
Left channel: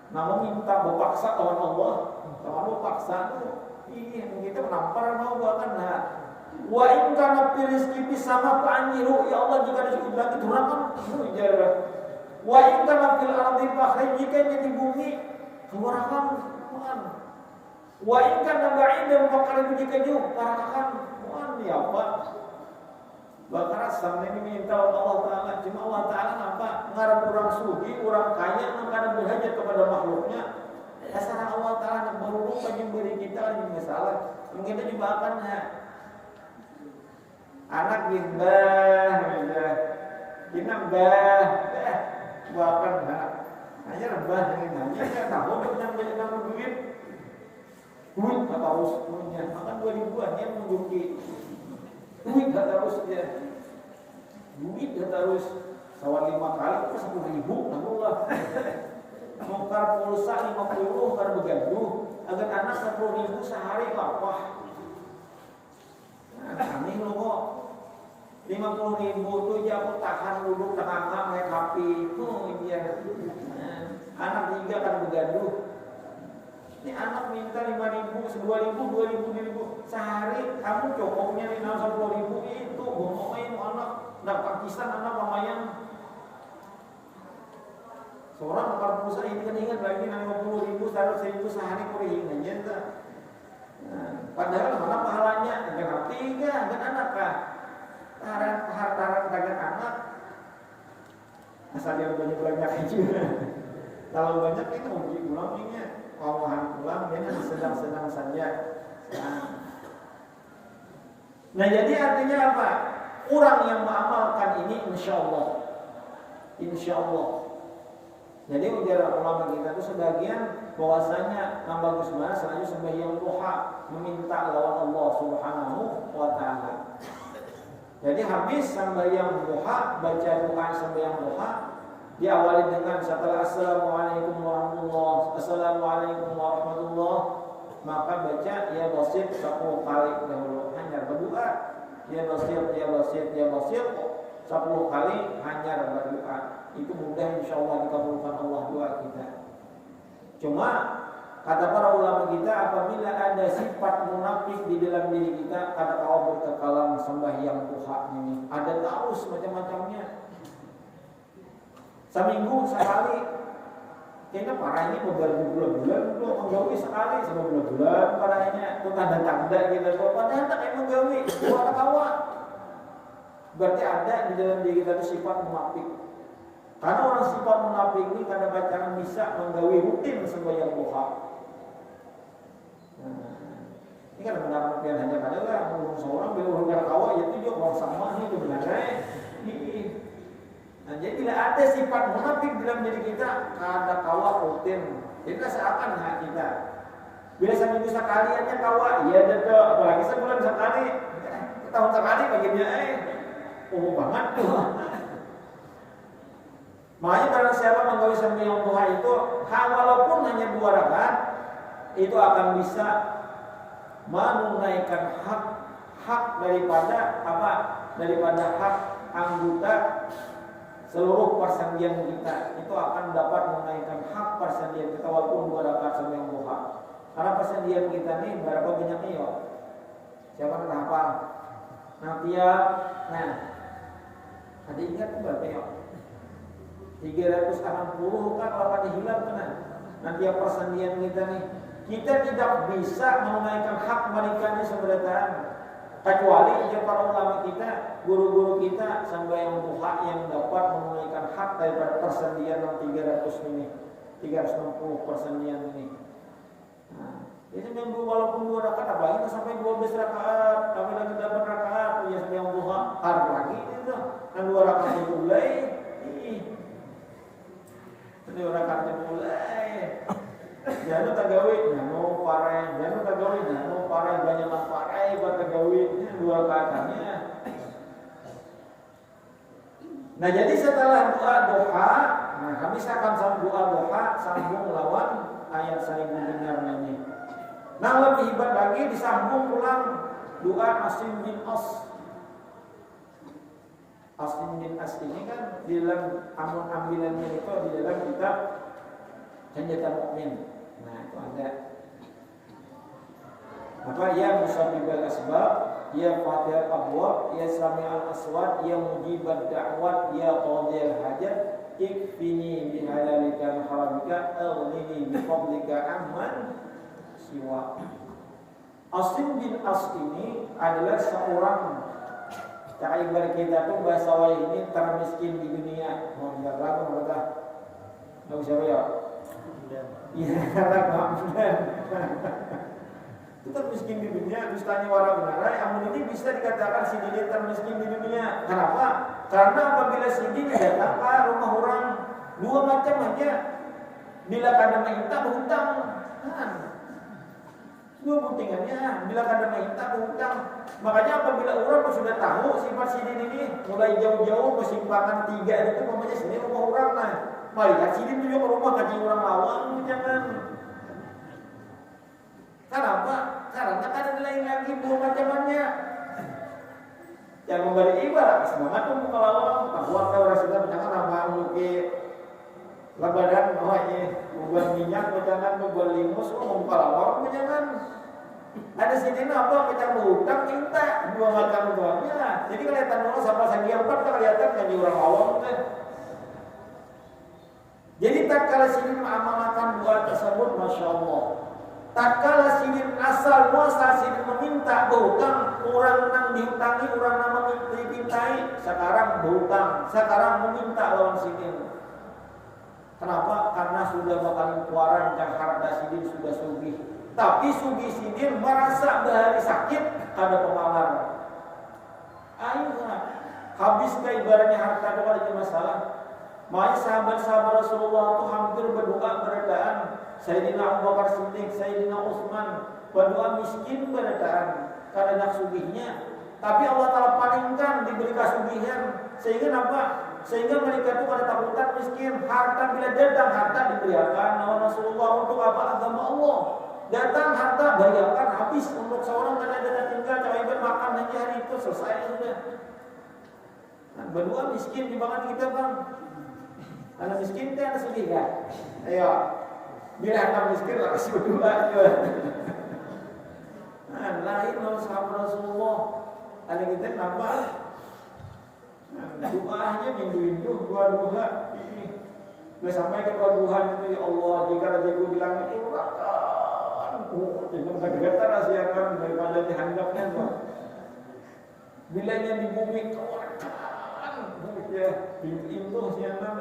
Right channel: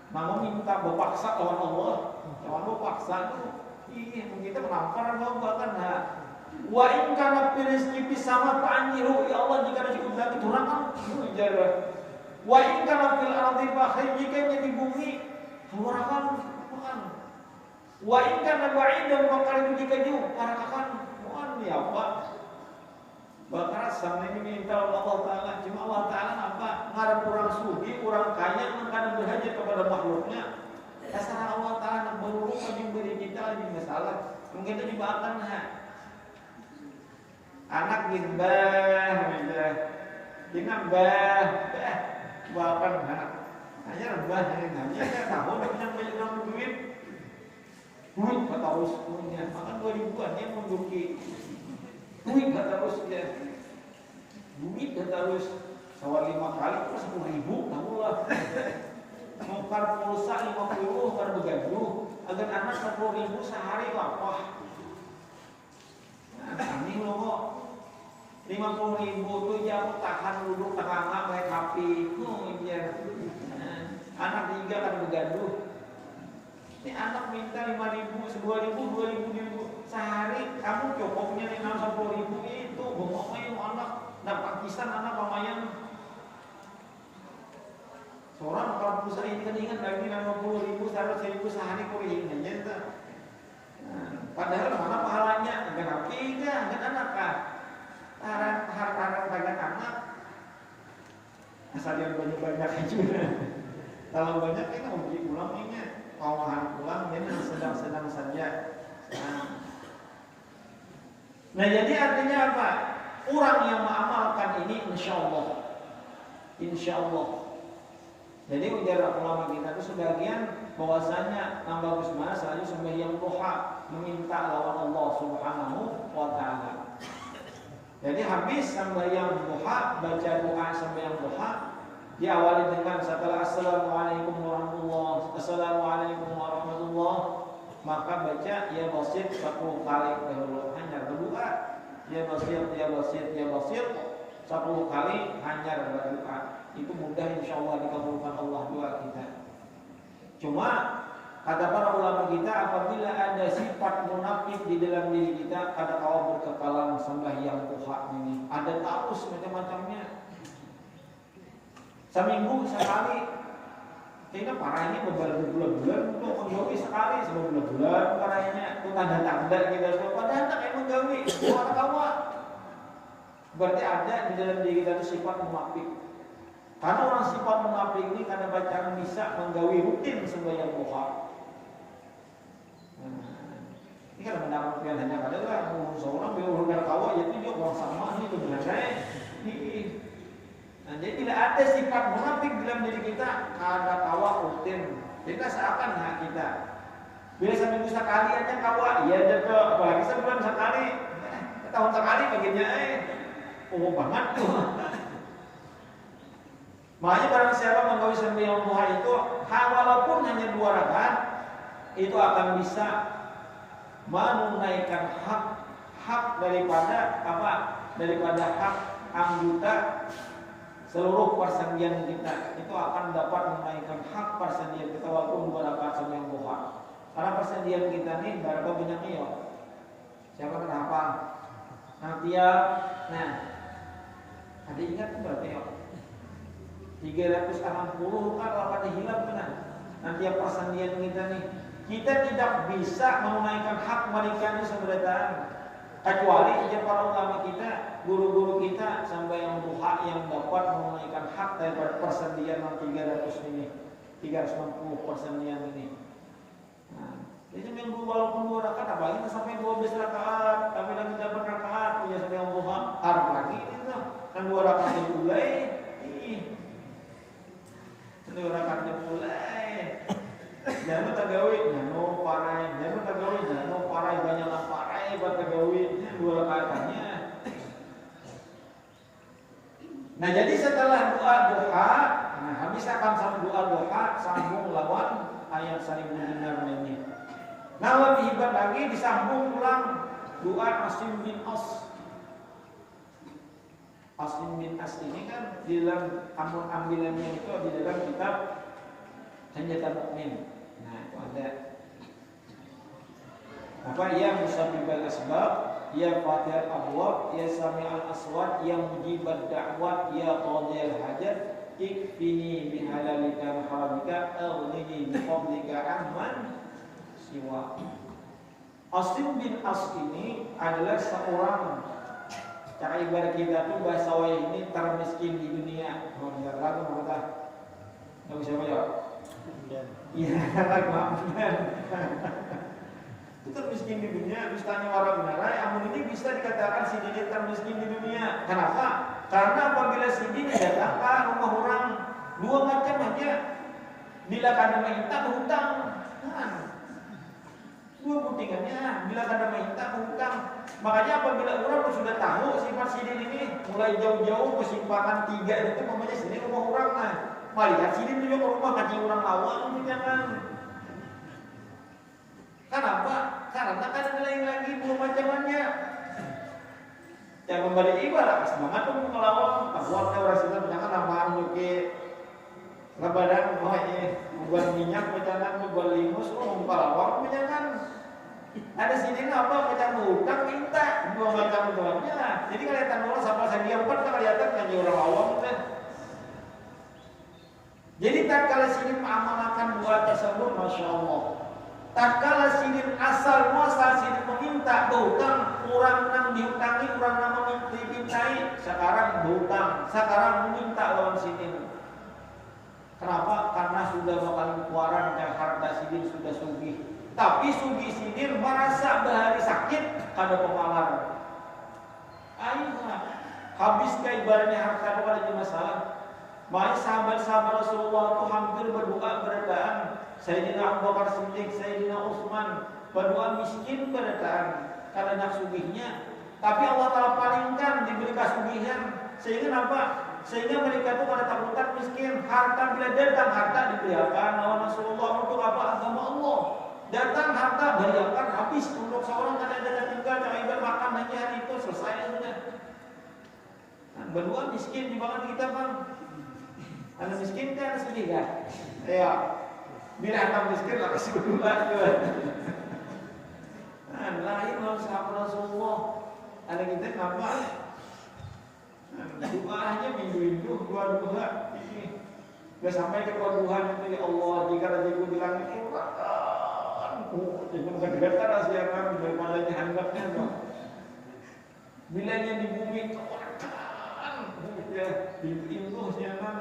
namun minta berpaksa lawan Allah. Kalau paksa itu ini kita menampar mau bahkan wa in kana fi rizqi bis sama fa anjiru, ya Allah jika disebut lagi turakan ujar. Wa in kana fil ardi fa jika di bumi turakan Tuhan. Wa in kana ba'idan fa qarib jika jauh tarakan Tuhan ya Allah. Bakar sampai minta Allah Ta'ala. Cuma Allah Ta'ala apa? Ngarap orang sugi, orang kaya kadang berhajat kepada makhluknya. Asal Allah Ta'ala berurut bagi beri kita di masalah. Mungkin itu juga akan anak gimbah aja. Kita bah bahkan aja bah yang hanya kan tahu banyak banyak duit. Duit enggak harus punya. Makan 2000-an yang menduki. Duit enggak harus ya. Duit enggak harus sawah 5 kali itu 10.000 namulah. Mukar pulsa 50 kan begaduh. Agar anak 10.000 sehari apa? Nah, ini loh kok 50.000 tuh ya aku tahan dulu tengah main HP. Iya. Anak 3 kan begaduh. Ini anak minta 5.000, 2.000 sehari. Kamu cukupnya 50.000 itu bongoknya anak. Nak Pakistan anak lumayan. Seorang bakal pulsa ini kan ingat lagi 50.000 sehari kuring aja. Padahal mana pahalanya? Enggak rapi enggak anak kah? Taran banyak anak. Asal dia banyak juga. Kalau banyak kita mau beli ulang ini, kawahan pulang ya sedang-sedang saja. Nah jadi artinya apa? Orang yang mengamalkan ini insya Allah. Jadi ujar ulama kita itu sebagian bahwasanya yang bagus mana selalu sembahyang duha meminta lawan Allah Subhanahu wa taala. Jadi habis sembahyang duha baca doa sembahyang duha diawali dengan setelah assalamualaikum warahmatullah maka baca ya basit 10 kali dahulu hanya berdoa ya basit 10 kali hanya berdoa. Itu mudah insyaallah dikabulkan Allah doa kita. Cuma Kata para ulama kita, apabila ada sifat munafik di dalam diri kita, kata kau berkekalan sembahyang duha ini, ada terus macam-macamnya. Seminggu sekali, kayaknya parahnya beberapa bulan-bulan untuk menggawi sekali, sebulan bulan parahnya itu tanda-tanda kita tuh. Padahal tak emang menggawi, buat kawa. Berarti ada di dalam diri kita itu sifat munafik. Karena orang sifat munafik ini kadang bacaan bisa menggawi rutin sembahyang duha. Ini kan benar pian hanya kada lah seorang bila orang kawa itu juga orang sama itu benar. Nah, jadi tidak ada sifat munafik dalam diri kita, ada kawa rutin. Jadi seakan hak kita. Bila seminggu sekali aja kawa, iya ada ke apalagi sebulan sekali, tahun sekali baginya banget tuh. Makanya barang siapa menggawi sembahyang duha itu, walaupun hanya 2 rakaat, itu akan bisa menunaikan hak daripada apa? Daripada hak anggota seluruh persendian kita. Itu akan dapat menunaikan hak persendian kita walaupun 2 rakaat sembahyang duha. Karena persendian kita ini berapa banyaknya ya? Siapa kenapa? Nanti ya, nah, tadi ingat berarti ya 360 kan kalau ada hilang kan? Nanti ya persendian kita nih. Kita tidak bisa menunaikan hak mereka ini sebenarnya kecuali aja para ulama kita, guru-guru kita sampai yang duha yang dapat menunaikan hak daripada persendian yang 300 ini, 360 persendian ini. Nah, itu yang walaupun 2 rakaat, apalagi sampai 12 rakaat, tapi dalam 8 rakaat punya sedang duha, harap lagi itu. Dan 2 rakaat dimulai, 2 rakaat dimulai. Jangan tagawi, nano parai, jangan tagawi, nano parai banyak lah parai, tagawi 2 rakatnya. Nah jadi setelah doa duha, nah habis akan sambung doa duha, sambung lawan ayat saling mendengar ini. Nah lebih hebat lagi disambung ulang doa Asim bin As. Asim bin As ini kan di dalam ambilannya itu di dalam kitab Senjata Mukmin. Nah itu ada apa ya musabbibal asbab, ya fatihal abwab, ya sami'al aswat, ya mujibad da'wat, ya qadiyal hajat, ikfini bihalalika haramika, aghnini bifadlika amman siwa. Asim bin As ini adalah seorang ibarat kita tuh bahasa wai ini termiskin di dunia. Mau enggak lagi mau kata bang siapa ya? Iya, karena itu termiskin di dunia, mistanya orang benar. Amun ini bisa dikatakan si dia termiskin di dunia. Kenapa? Karena apabila si dia datang ke rumah orang 2 macam aja, bila kada minta berhutang, kan? 2 pentingannya, bila kada minta berhutang. Makanya apabila orang sudah tahu sifat si ini mulai jauh-jauh persimpangan 3 itu namanya sini rumah orang nah. Melihat sini juga ke rumah kaji orang lawan jangan. Kenapa? Karena kan nilai lagi 2 macamannya. Yang kembali ibarat semangat pun kelawang, bahwa orang sudah jangan nama nyuki lebaran buat minyak jangan buat limus kelawang jangan. Ada sini apa macam hutang minta 2 macam itu aja. Jadi kelihatan orang sama saya obat kelihatan kaji orang awam kan. Jadi tatkala sini mengamalkan doa tersebut, masya Allah. Tatkala sini asal muasal sini meminta berhutang, orang nang dihutangi, orang nama dimintai, sekarang berhutang, sekarang meminta lawan sini. Kenapa? Karena sudah makan kuaran dan harta sini sudah sugih. Tapi sugih sini merasa bahari sakit kada pemalar. Ayo habis ke ibaratnya harta doa itu masalah. Makanya sahabat-sahabat Rasulullah itu hampir berdoa berdaan. Sayyidina Abu Bakar Siddiq, Sayyidina Utsman berdoa miskin berdaan karena sugihnya. Tapi Allah Ta'ala palingkan diberi kasugihan. Sehingga apa? Sehingga mereka itu pada takutan miskin. Harta bila datang harta diberikan oleh Rasulullah untuk apa? Agama Allah. Datang harta berikan habis untuk seorang ada tinggal coba makan hanya hari itu selesai sudah. Nah, berdoa miskin di bahkan kita bang. Anak miskin kan sedih kan? Ayo. Bila hendak miskin lah kasih berdua juga. Nah, lain kalau sahabat Rasulullah ada kita nama doanya minggu-minggu dua ini. Udah sampai ke Tuhan itu ya Allah, jika rezekiku di langit itu bergetar asiakan daripada dihanggapnya kok. Bila yang di bumi ya itu siaran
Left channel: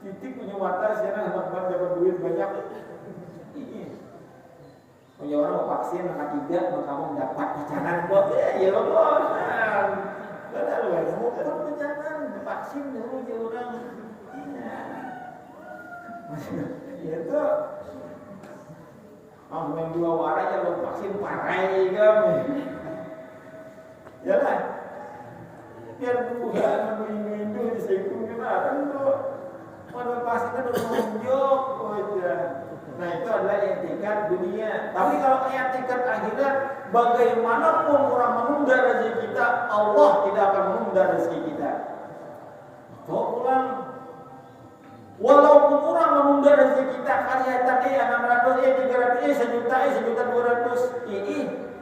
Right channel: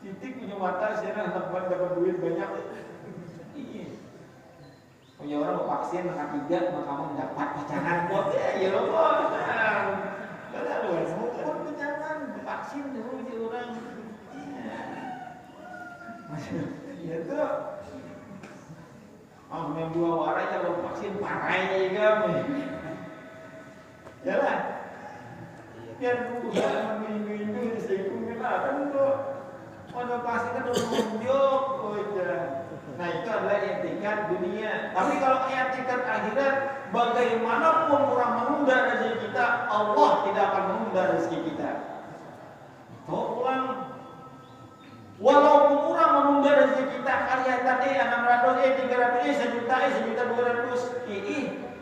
titik punya mata siaran dapat duit banyak. Punya orang mau vaksin maka 3 maka kamu dapat pacaran buat ya Allah. Kalau bukan pacaran vaksin dulu dia orang. Ya itu yang 2 warai kalau vaksin parai juga ya lah biar Tuhan mengingin itu disikung gimana untuk pada pasti kan menunjuk nah itu adalah etikat dunia. Tapi kalau etikat akhirat, bagaimanapun orang menunda rezeki kita, Allah tidak akan menunda rezeki kita. Tolong walaupun orang menunda rezeki kita karya tadi 600 300 1.200.000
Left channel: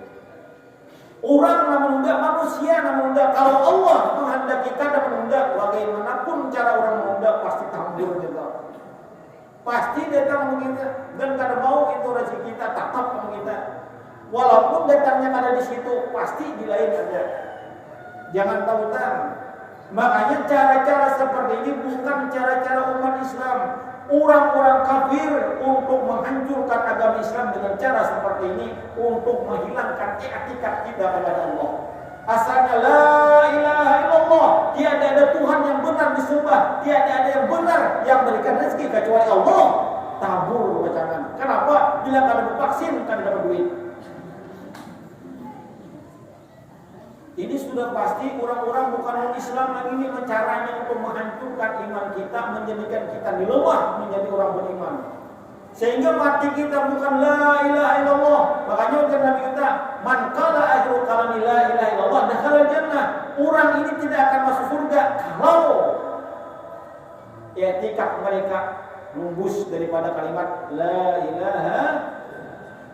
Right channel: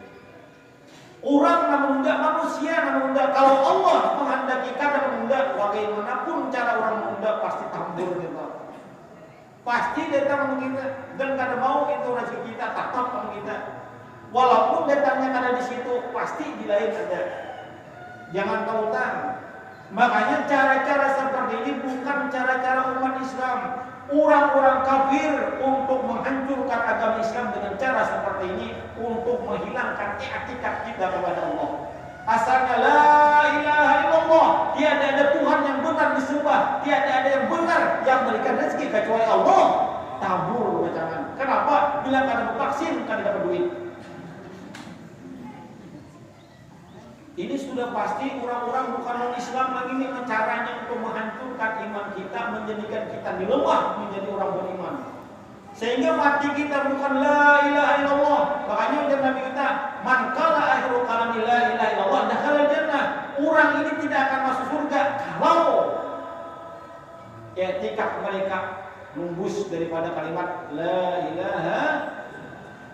orang menunda, manusia menunda. Kalau Allah menghendaki kita menunda, bagaimanapun cara orang menunda pasti takdir kita. Pasti datang kita dan kada mau itu rezeki kita tetap sama kita. Walaupun datangnya ada di situ, pasti di lain ada. Jangan tautan. Makanya cara-cara seperti ini bukan cara-cara umat Islam. Orang-orang kafir untuk menghancurkan agama Islam dengan cara seperti ini untuk menghilangkan etikat kita kepada Allah. Asalnya la ilaha illallah, tiada ada Tuhan yang benar disembah, tiada ada yang benar yang berikan rezeki kecuali Allah. Tabur bacaan. Kenapa? Bila kada vaksin kada dapat duit. Ini sudah pasti orang-orang bukan orang Islam lagi yang caranya untuk menghancurkan iman kita, menjadikan kita lemah menjadi orang beriman. Sehingga mati kita bukan la ilaha illallah. Makanya dalam kita man qala akhiru kalami la ilaha illallah dakhala jannah. Orang ini tidak akan masuk surga kalau etikat mereka lembus daripada kalimat la ilaha.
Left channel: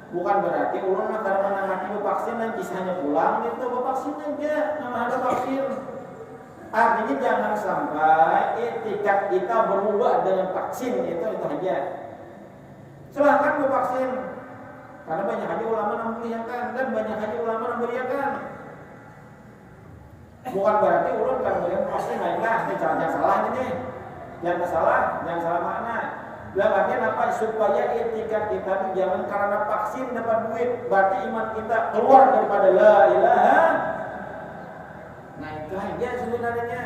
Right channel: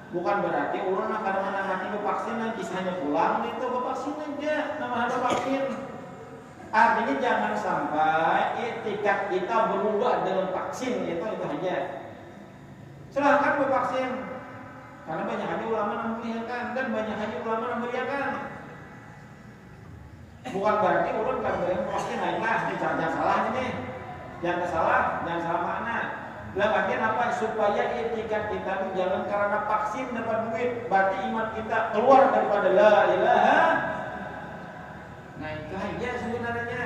Bukan berarti orang akan menangani vaksin dan kisahnya pulang itu vaksin aja nama vaksin. Artinya jangan sampai etikat kita berubah dengan vaksin itu aja. Silahkan bervaksin karena banyak hati ulama yang memberiakan dan banyak hati ulama yang memberiakan. Bukan berarti orang kalau berikan vaksin naiklah ini jangan salah ini, jangan salah makna. Dalam artian apa? Supaya etikat kita jangan karena vaksin dapat duit, berarti iman kita keluar daripada la ilaha. Nah itu aja sebenarnya.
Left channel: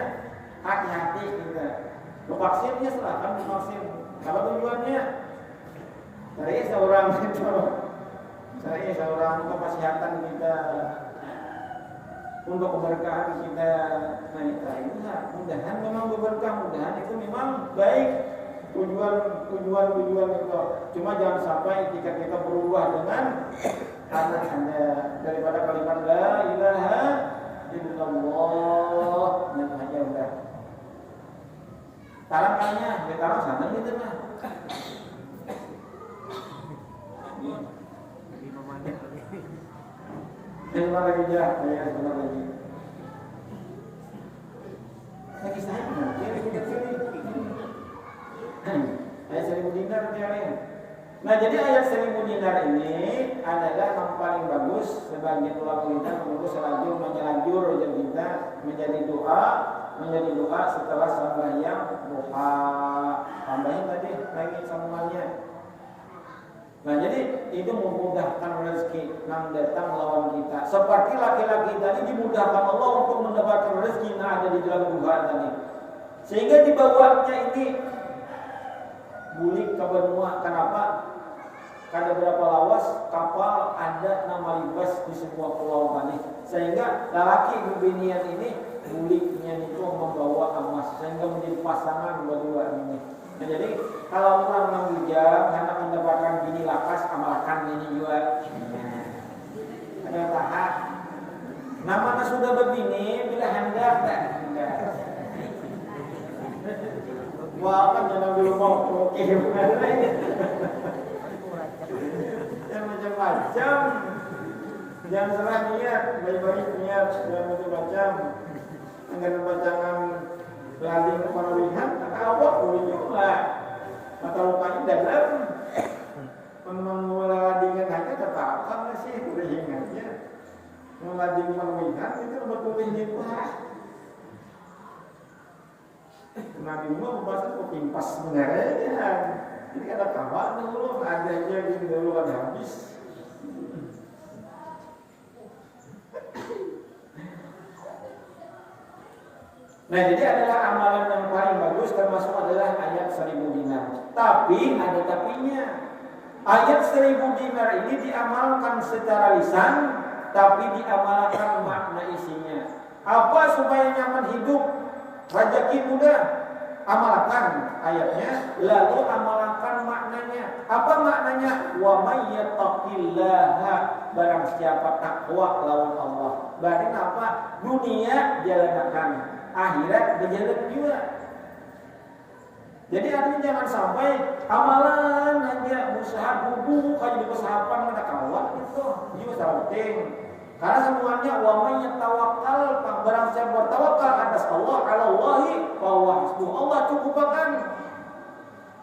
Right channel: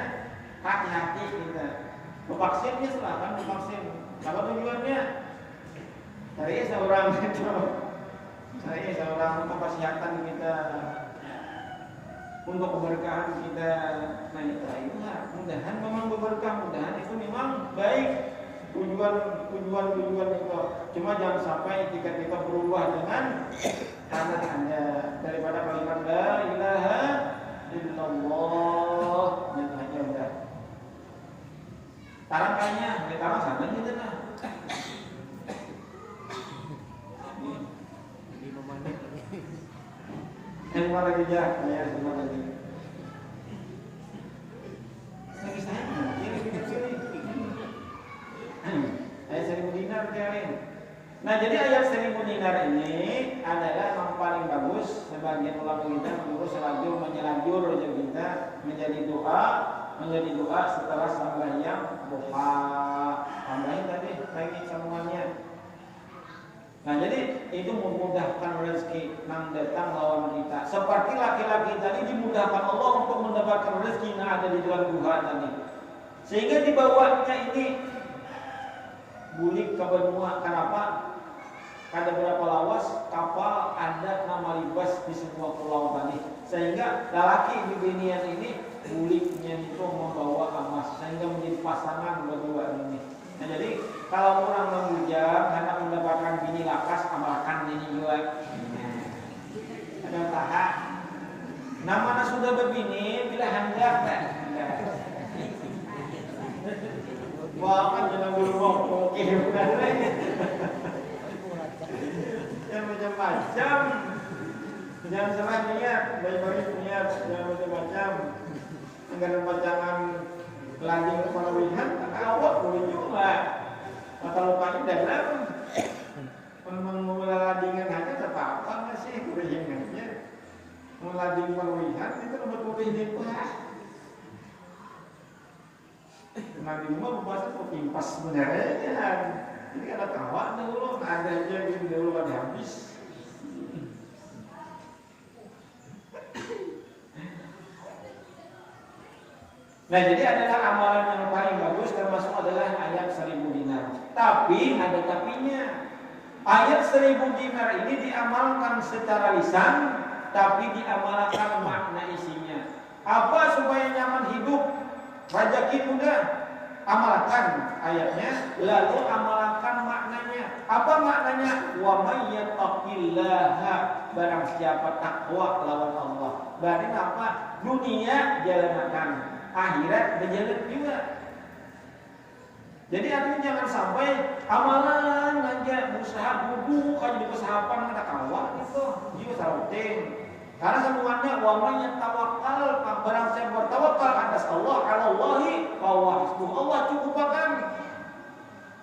Hati-hati kita. Vaksinnya silahkan divaksin. Apa tujuannya? Saya seorang kesehatan kita, untuk keberkahan kita. Nah itu mudahan memang berberkah, mudahan itu memang baik. Tujuan itu. Cuma jangan sampai ketika kita berubah dengan tanda daripada kalimat la ilaha illallah. Yang hanya udah. Tarang kayaknya, dia tarang sana ni dah. 5 menit lagi. 5 lagi ya, 5 lagi. Lagi saya, dia duduk sini. Ayat 1000 dinar kemarin. Nah jadi ayat 1000 dinar ini adalah yang paling bagus sebagian ulama kita untuk selajur menyelajur kita menjadi doa setelah sembahyang duha. Tambahin tadi lagi sambungnya. Nah jadi itu memudahkan rezeki yang datang lawan kita. Seperti laki-laki tadi dimudahkan Allah untuk mendapatkan rezeki yang ada di dalam duha tadi. Sehingga dibawanya ini bulik ke benua. Kenapa? Ada berapa lawas kapal ada nama libas di sebuah pulau tadi. Sehingga lelaki di binian ini buliknya itu membawa emas sehingga menjadi pasangan berdua ini. Nah, jadi kalau orang menghujam karena mendapatkan bini lakas amalkan ini juga. Ada tahap. Namanya sudah berbini bila hendak wah kan jangan dulu mau oke benar. Yang macam-macam. Jangan salah niat, baik-baik niat, jangan macam-macam. Anggaran pacangan lagi pemilihan, awak boleh juga. Mata lupanya dalam. Memang meladingan aja tetap sama sih, udah yang aja. Melading pemilihan itu berpulih itu. Nabi mau membahas itu impas sebenarnya. Ini ada kawan dulu, ada aja bikin dulu ada habis. Nah, jadi adalah amalan yang paling bagus termasuk adalah ayat 1000 dinar. Tapi ada tapinya. Ayat 1000 dinar ini diamalkan secara lisan, tapi diamalkan makna isinya. Apa supaya nyaman hidup? Rezeki mudah. Amalkan ayatnya, lalu amalkan maknanya. Apa maknanya? Wa may yattaqillaha, barang siapa takwa lawan Allah. Berarti apa? Dunia jalanan, akhirat berjalan juga. Jadi artinya jangan sampai amalan aja berusaha bubuk aja di pesahapan ada kawan itu juga penting. Karena sambungannya wa may yatawakkal, barang siapa bertawakal atas Allah, alallahi wa huwa hasbuh. Allah cukupakan.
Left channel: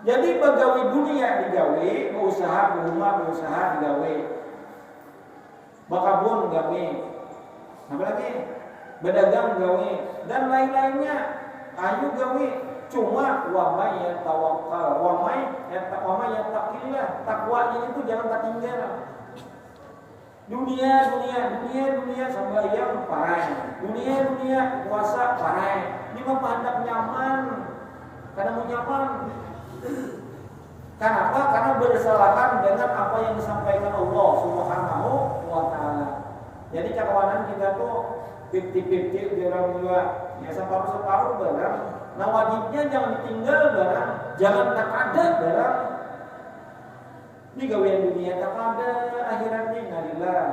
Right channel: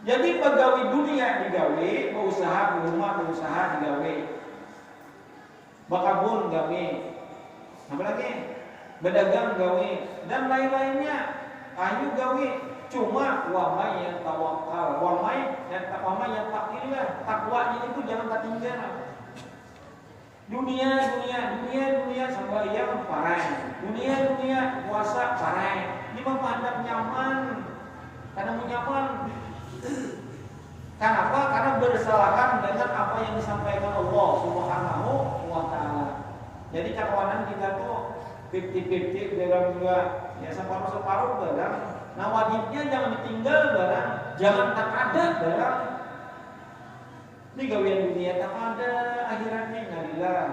Jadi pegawai dunia digawe, berusaha di rumah berusaha digawe. Bakabun gawe. Apa lagi? Berdagang gawe dan lain-lainnya. Ayo gawe. Cuma wa may yatawakkal, wa may yattaqillah. Takwanya itu jangan ketinggalan. Dunia sembahyang parai. Dunia puasa parai. Ini mah hendak nyaman. Karena mau nyaman. Kenapa? Karena bersalahan dengan apa yang disampaikan Allah Subhanahu wa taala. Jadi cakawanan kita tuh 50-50 dalam juga ya separuh barang. Nah wajibnya jangan ditinggal barang, jangan tak ada barang. Ini gawean dunia tak ada, akhiratnya ngalilah.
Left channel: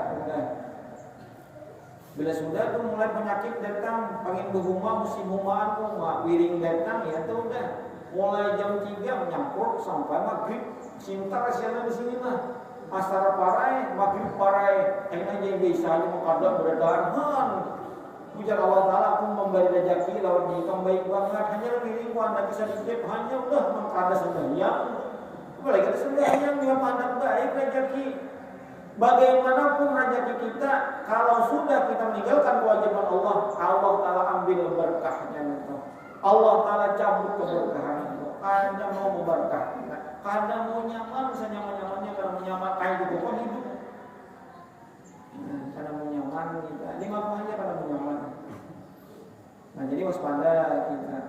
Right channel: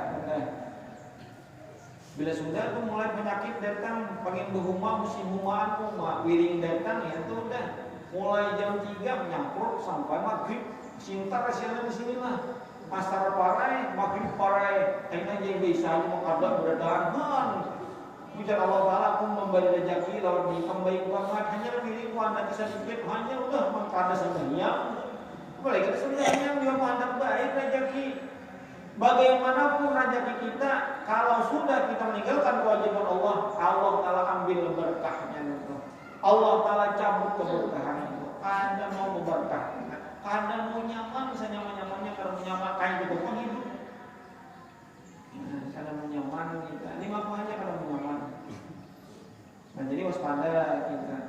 Bila sudah tuh mulai penyakit datang, pengen berhuma musim humaan tuh, wiring datang ya tuh udah. Mulai jam 3 menyangkut sampai maghrib, cinta kesiannya di sini lah. Pasar parai, maghrib parai, enak jadi bisa aja mau kada berdahan. Bicara Allah Ta'ala aku memberi rezeki lawan nikah baik banget. Hanya pilih anda bisa sedikit, hanya udah mengkada sembahyang. Apalagi kita sembahyang juga mantap baik rezeki. Bagaimanapun rezeki kita, kalau sudah kita meninggalkan kewajiban Allah, Allah Ta'ala ambil berkahnya itu. Allah Ta'ala cabut keberkahan itu. Anda mau berkah, Anda mau nyaman, senyaman-nyamannya kalau nyaman kayak gitu kan hidup. Karena mau nyaman kita, ini apa aja karena mau nyaman. Nah jadi waspada kita.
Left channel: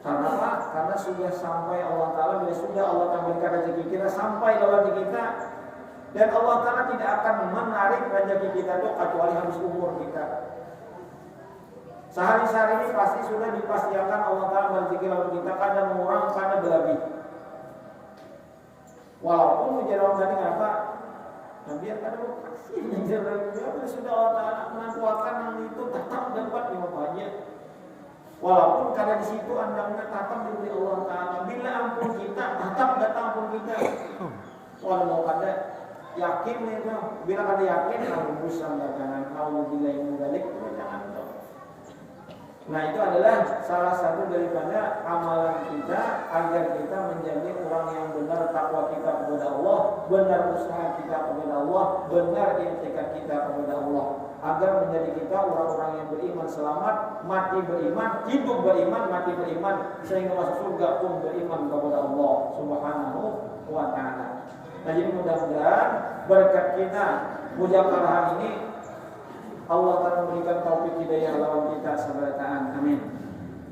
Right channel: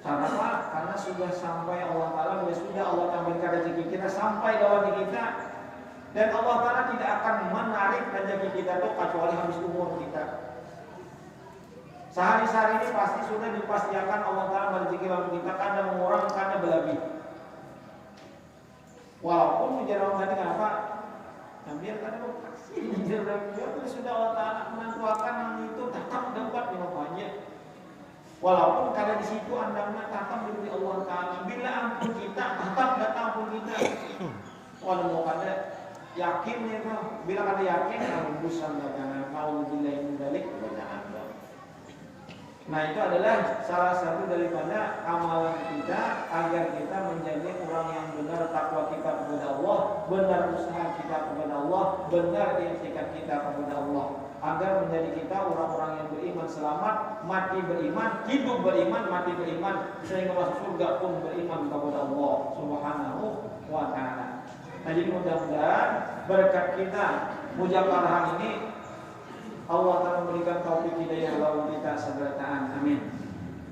Karena apa? Karena sudah sampai Allah Ta'ala, sudah Allah tampilkan rezeki kita sampai ke hati kita. Dan Allah Ta'ala tidak akan menarik rezeki kita itu kecuali habis umur kita. Sehari-hari ini pasti sudah dipastikan Allah Ta'ala rezeki lawan kita kadang murah, kadang berlebih. Walaupun menjadi orang tadi apa? Nah biar kadang pasti menjadi sudah Allah Ta'ala menentukan yang itu tetap dapat dimanfaatnya. Walaupun kadang di situ andangnya tetap diberi Allah Ta'ala. Bila ampun kita tetap datang ampun kita. Walau mau kada yakinnya itu, bila kada yakin kalau urusan jangan kau bila yang mudalik jangan dong. Nah itu adalah salah satu daripada amalan kita agar kita menjadi orang yang benar takwa kita kepada Allah, benar usaha kita kepada Allah, benar i'tikad kita kepada Allah, agar menjadi kita orang-orang yang beriman selamat, mati beriman, hidup beriman, mati beriman, sehingga masuk surga pun beriman kepada Allah Subhanahu wa ta'ala. Nah jadi mudah-mudahan berkat kita mujakarah ini Allah akan memberikan taufik hidayah lawan kita seberataan. Amin.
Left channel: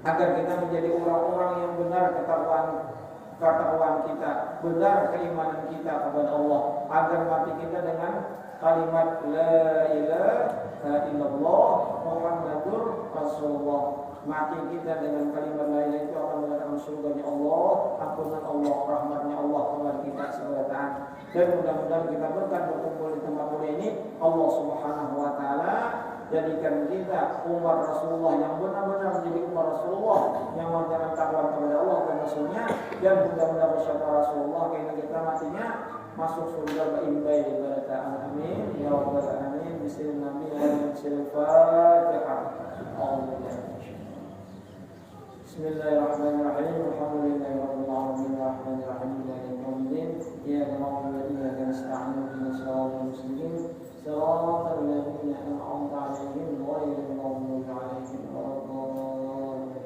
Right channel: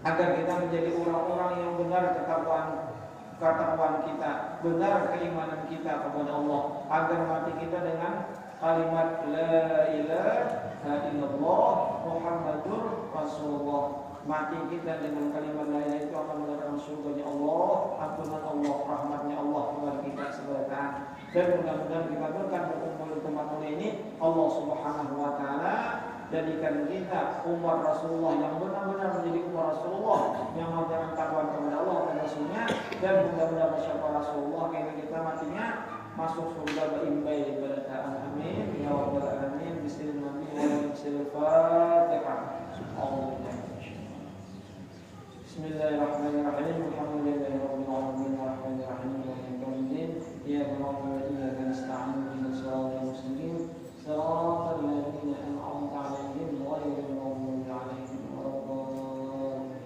Agar kita menjadi orang-orang yang benar ketakwaan kita, benar keimanan kita kepada Allah, agar mati kita dengan kalimat la ilaha illallah Muhammadur Rasulullah. Mati kita dengan kalimat la ilaha itu akan mendatangkan surganya Allah, ampunan Allah, rahmatnya Allah kepada kita seberataan. Dan mudah-mudahan kita berkat berkumpul di tempat mulia ini, Allah Subhanahu wa ta'ala jadikan kita umat Rasulullah yang benar-benar menjadi umat Rasulullah yang menjalankan takwa kepada Allah dan Rasulnya, dan mudah-mudahan bersama Rasulullah kita matinya masuk surga baik ibadah amin ya rabbal alamin. Bismillahirrahmanirrahim. Bismillahirrahmanirrahim. Alhamdulillahi rabbil alamin arrahmanir rahim maliki yaumiddin iyyaka na'budu wa iyyaka nasta'in ihdinas siratal mustaqim siratal ladzina an'amta 'alaihim ghairil maghdubi 'alaihim waladdallin.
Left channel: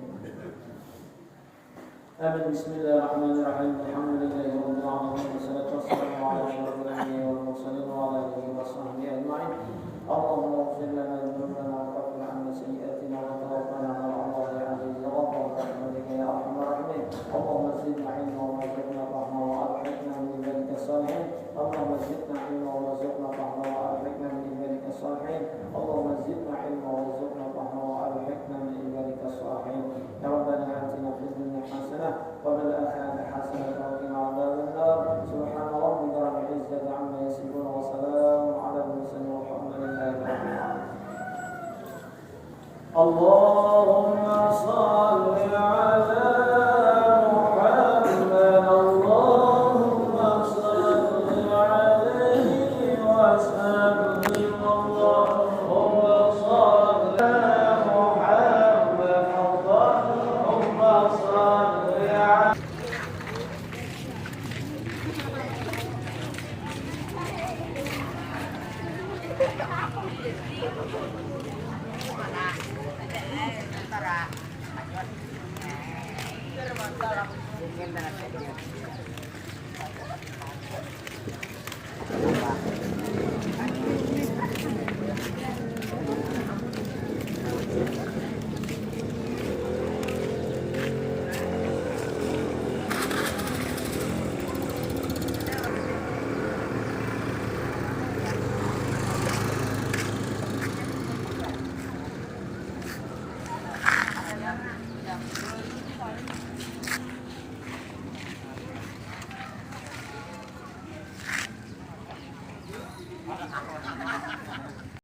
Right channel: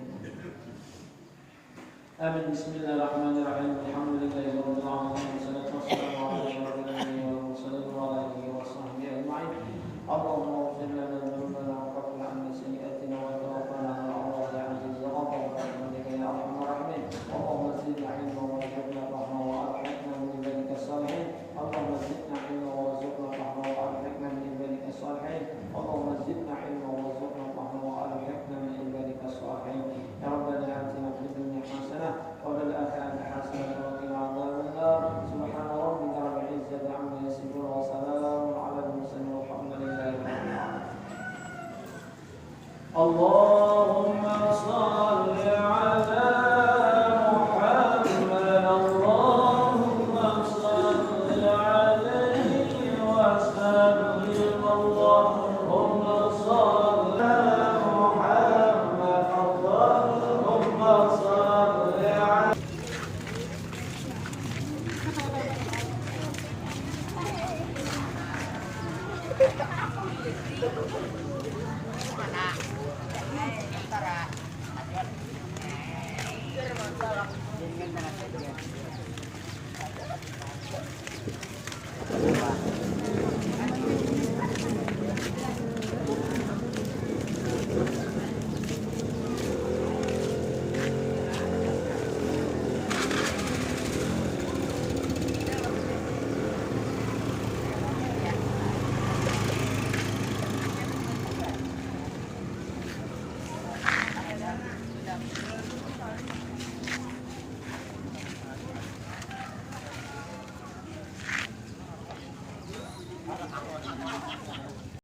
Amin. Bismillahirrahmanirrahim. Alhamdulillahi rabbil alamin wassalatu wassalamu ala asyrofil anbiya'i wal mursalin wa ala alihi washabbihi ajma'in. Allahumma ighfir lana dhunubana wa kaffir 'anna sayyi'atina wa tawaffana ma'al abrari ya aziz ya ghaffar rahmatika ya arhamar rahimin. Allahumma zidna 'ilman warzuqna fahma wa alhiqna min ibadika salihin. Allahumma zidna 'ilman warzuqna fahma wa alhiqna min ibadika salihin. Allahumma zidna 'ilman warzuqna fahma wa alhiqna min ibadika salihin. Ya rabbana atina fid dunya hasanah wa fil akhirati hasanah wa qina adzaban nar. Subhana rabbika rabbil izzati 'amma yasifun wa salamun 'alal mursalin walhamdulillahi rabbil alamin. Allahumma shalli 'ala Muhammad. Allahumma shalli 'alaihi wa sallim. Allahumma shalli 'ala Muhammad. Allahumma shalli 'ala